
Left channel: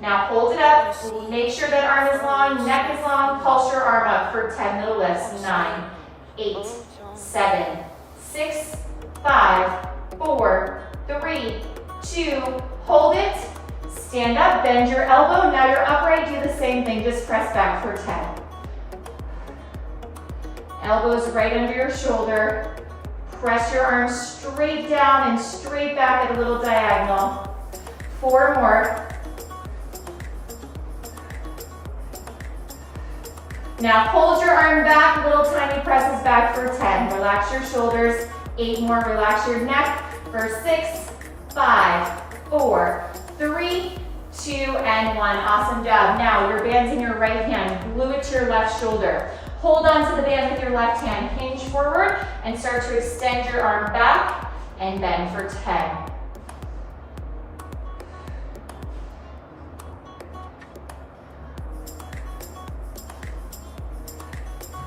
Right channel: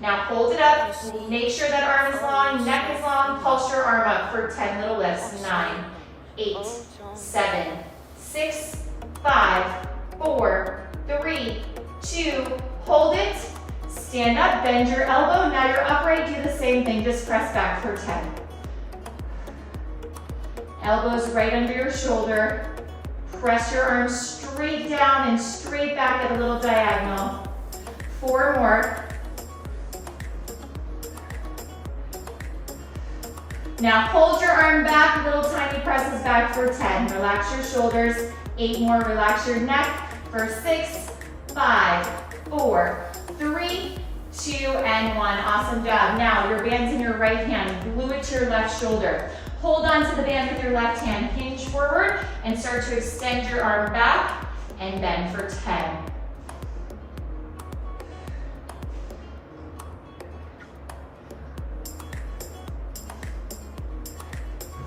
Now hold it up, make sure that arm is long, neck is long, pulse your arm up for 10 little lifts. 9, 8, 7, 6, 5, 4, 3, 2, hold it, stand up, bend your elbow, now you're upright, do the same thing, just press back for 10. Elbows right under your shoulder, press your arms straight down and straight back at a little diagonal. 4 more. Now hold your arm back, little tiny presses back for 10. Relax your shoulders. 8 more, relax your neck for 6, 5, 4, 3, 2, and 1. Awesome job. Now your band's in your right hand. Glue it to your left shoulder. Hold on to the band with your left hand. Hinge forward and start to extend your arm back and bend for 10.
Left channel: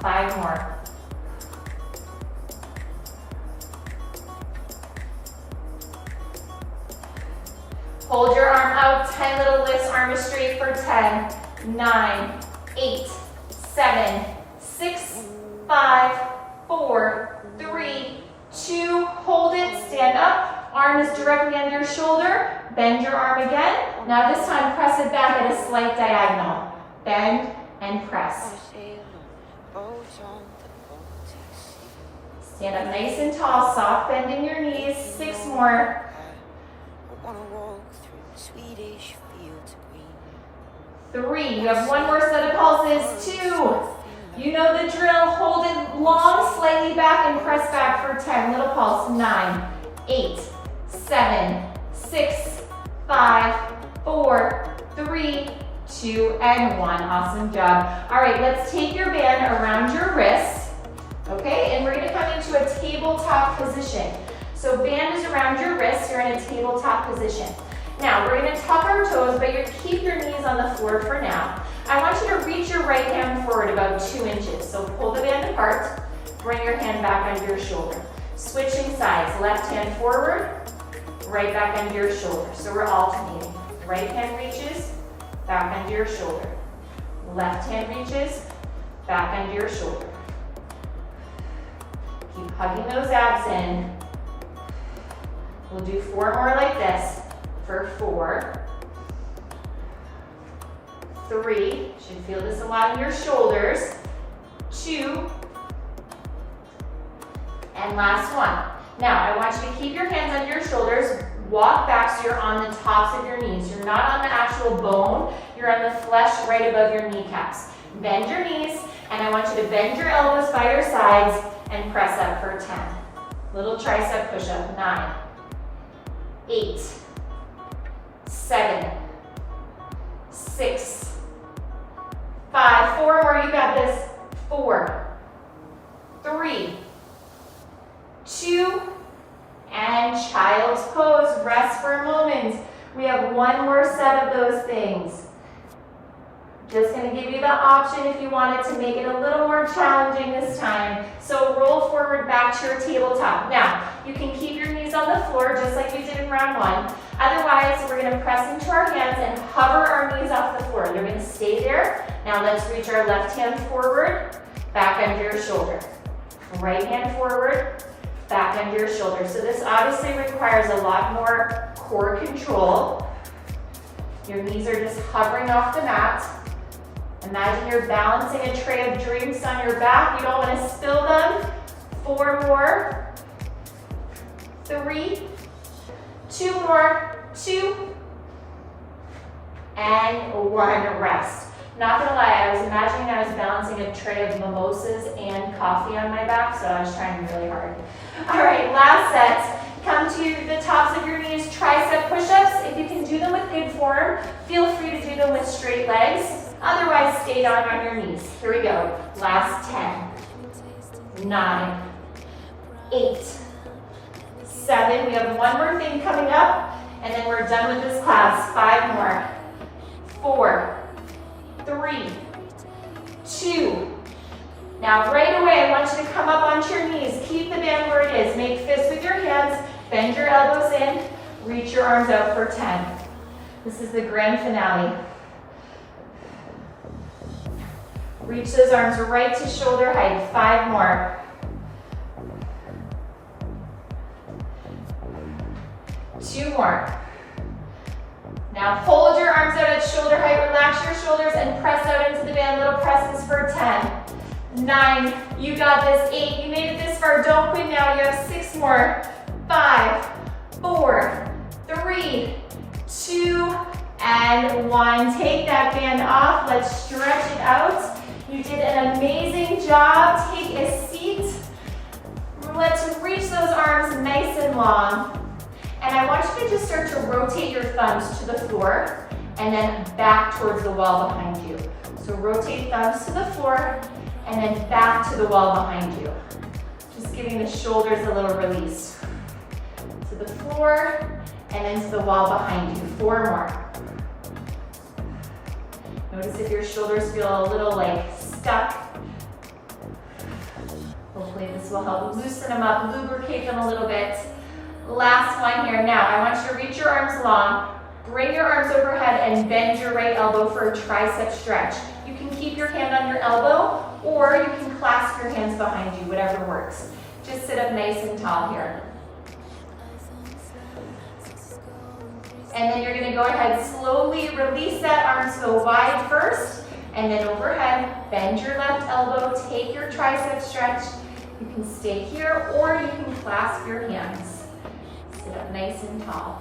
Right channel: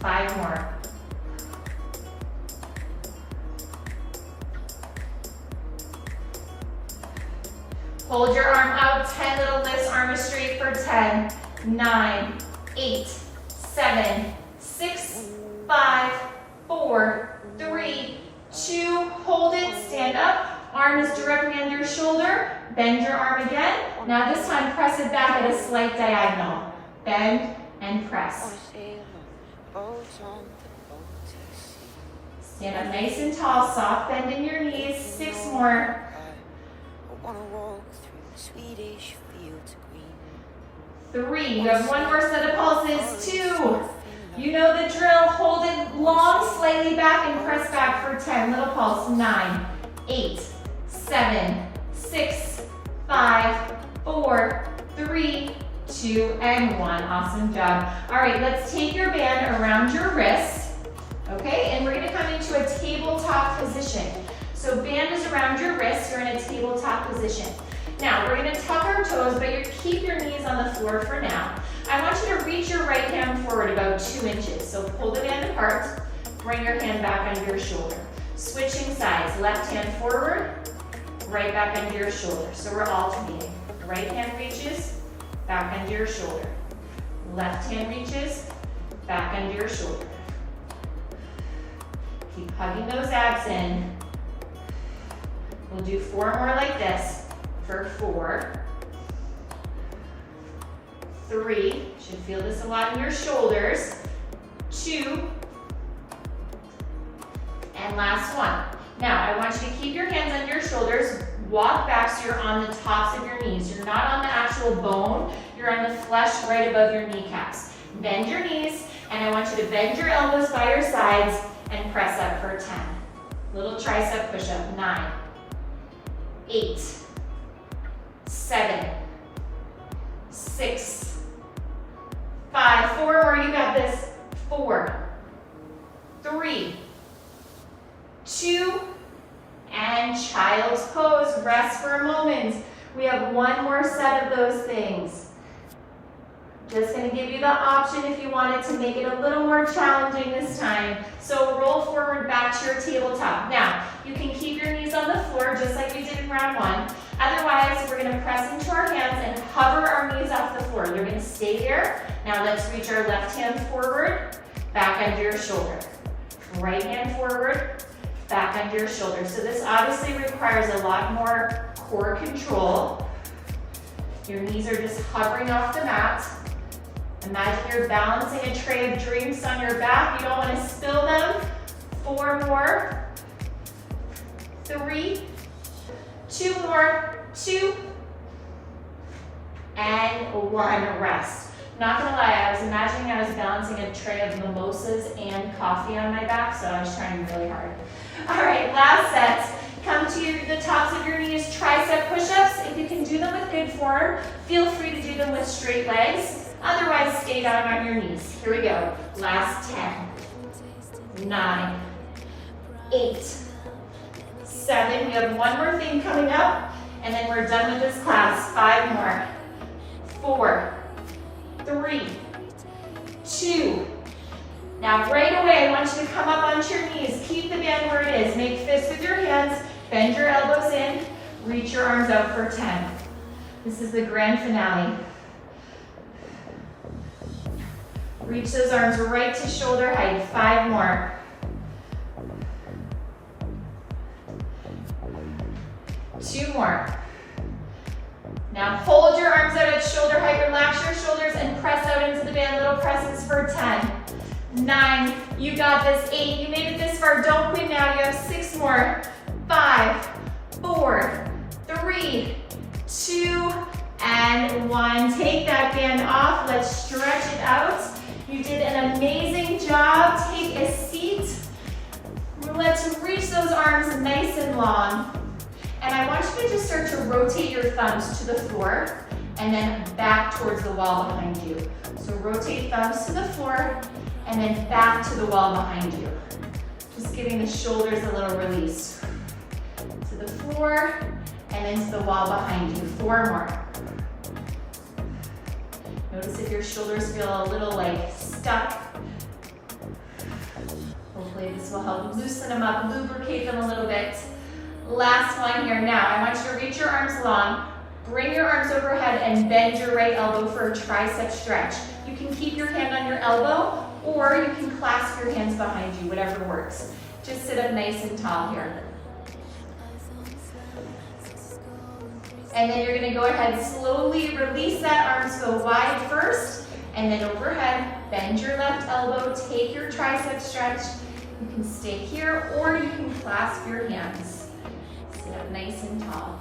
5 more. Hold your arm out, 10 little lifts, arm is straight for 10, 9, 8, 7, 6, 5, 4, 3, 2, hold it, stand up, arm is directly under your shoulder, bend your arm again. Now this time press it back at a slight diagonal. Bend and press. Stand up nice and tall, soft bend in your knees. 6 more. 3, you have 1 more set of pulses. 2, you know the drill. Hold it long, slightly back and press back for 10. Little pulse. 9, 8, 7, 6, 5, 4, 3, 2, and 1. Awesome job. All right, let's take your band around your wrists, okay? And we're gonna come into a tabletop position. So band is around your wrists, you're in a tabletop position. Now, we're gonna tuck our toes, but you keep your knees on the floor for now. I want you to reach your right hand forward about 2 inches. So pull the band apart, bring your hand back under your shoulder. Switching sides, left hand forward, right back under your shoulder. So we're alternating. Right hand reaches, back under your shoulder. Left hand reaches, back under your shoulder. Keep hugging those abs in. We'll do 4 more like this for 4, 3, should feel this a lot in your shoulders, 2, and last one. Now, I want you to keep your hands under your shoulders, walk back so you're on the tops of your knees. You're not on the actual bone, you're on the flesh right above your kneecaps. Bend your knees, and I want you to bend your elbows by your sides and press up for 10. Little tricep push-up, 9, 8, 7, 6, 5, 4 more, you got this, 4, 3, 2, and child's pose, rest for a moment. We have 1 more set of those things. Just gonna give you the option if you wanted to make it a little more challenging this time. So roll forward back to your tabletop. Now, you can keep your knees on the floor just like we did in round 1. Otherwise, we're gonna press into our hands and hover our knees off the floor. You're gonna stay there. Now let's reach our left hand forward, back under your shoulder. Right hand forward, back under your shoulder. So this obviously requires a lot more core control. Your knees are just hovering off the mat. Imagine you're balancing a tray of drinks on your back. You don't want to spill them. 4 more. 3. 2 more. 2. And 1. Rest. Not gonna lie, I was imagining I was balancing a tray of mimosas and coffee on my back, so I was trying really hard. All right, last set. Come to the tops of your knees, tricep push-ups. If you can do them with good form, feel free to do them with straight legs. Otherwise, stay down on your knees. Here we go. Last 10, 9, 8, 7. We have 1 more thing coming up, and then we're done with this class. 5 more. 4, 3, 2. Now right away, I want you to come up onto your knees. Keep the band where it is. Make fists with your hands. Bend your elbows in. Reach your arms out for 10. This is the grand finale. Reach those arms right to shoulder height. 5 more. 2 more. Now hold your arms out at shoulder height, relax your shoulders, and press out into the band. Little presses for 10, 9, you got this, 8, you made it this far, don't quit now, you have 6 more, 5, 4, 3, 2, and 1. Take that band off, let's stretch it out. You did an amazing job. Take a seat. Let's reach those arms nice and long. And I want you to just start to rotate your thumbs to the floor and then back towards the wall behind you. So rotate thumbs to the floor and then back to the wall behind you. Just giving the shoulders a little release. To the floor and then to the wall behind you. 4 more. Notice if your shoulders feel a little like stuck. Hopefully this will help loosen them up, lubricate them a little bit. Last one here. Now, I want you to reach your arms long, bring your arms overhead, and bend your right elbow for a tricep stretch. You can keep your hand on your elbow, or you can clasp your hands behind you, whatever works. Just sit up nice and tall here. And then you're gonna go ahead, slowly release that arm to go wide first, and then overhead, bend your left elbow, take your tricep stretch. You can stay here, or you can clasp your hands. Sit up nice and tall.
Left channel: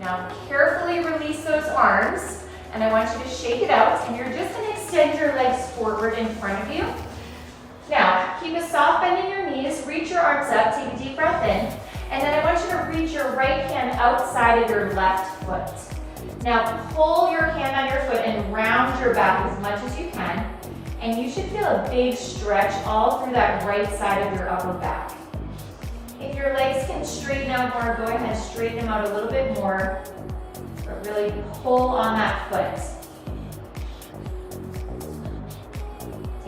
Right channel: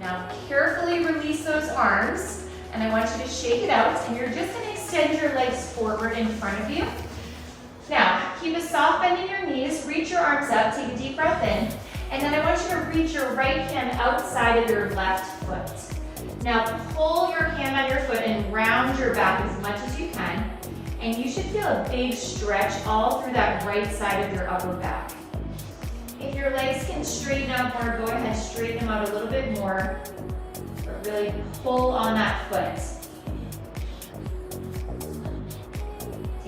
Now carefully release those arms, and I want you to shake it out, and you're just gonna extend your legs forward in front of you. Now, keep a soft bend in your knees, reach your arms up, take a deep breath in, and then I want you to reach your right hand outside of your left foot. Now, pull your hand on your foot and round your back as much as you can, and you should feel a big stretch all through that right side of your upper back. If your legs can straighten out more, go ahead and straighten them out a little bit more, but really pull on that foot.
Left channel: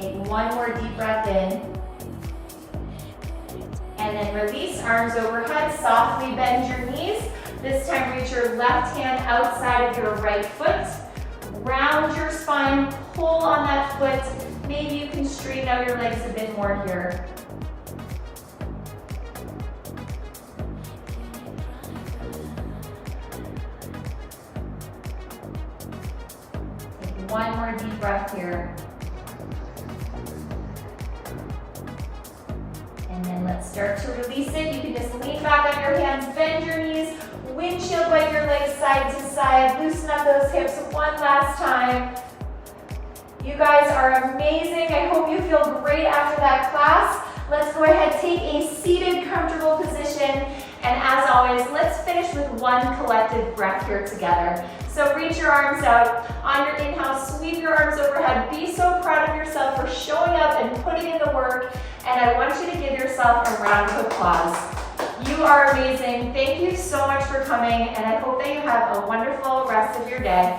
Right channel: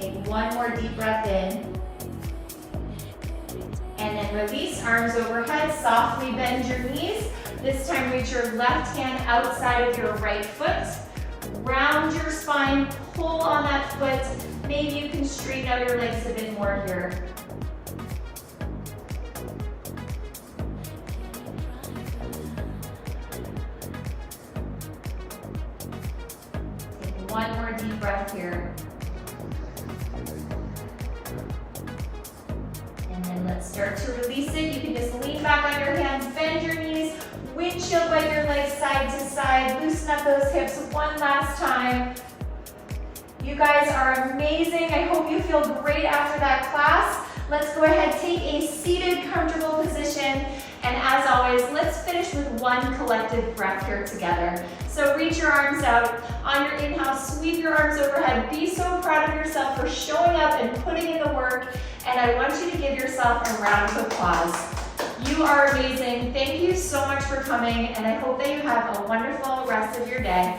Take one more deep breath in. And then release, arms overhead, softly bend your knees. This time reach your left hand outside of your right foot. Round your spine, pull on that foot. Maybe you can straighten out your legs a bit more here. Take one more deep breath here. Let's start to release it. You can just lean back on your hands, bend your knees, windshield wipe your legs side to side, loosen up those hips one last time. You guys are amazing. I hope you feel great after that class. Let's go ahead, take a seated, comfortable position. And as always, let's finish with one collective breath here together. So reach your arms out. On your inhale, sweep your arms overhead. Be so proud of yourself for showing up and putting in the work. And I want you to give yourself a round of applause. You are amazing. Thank you so much for coming, and I hope that you have a wonderful rest of your day.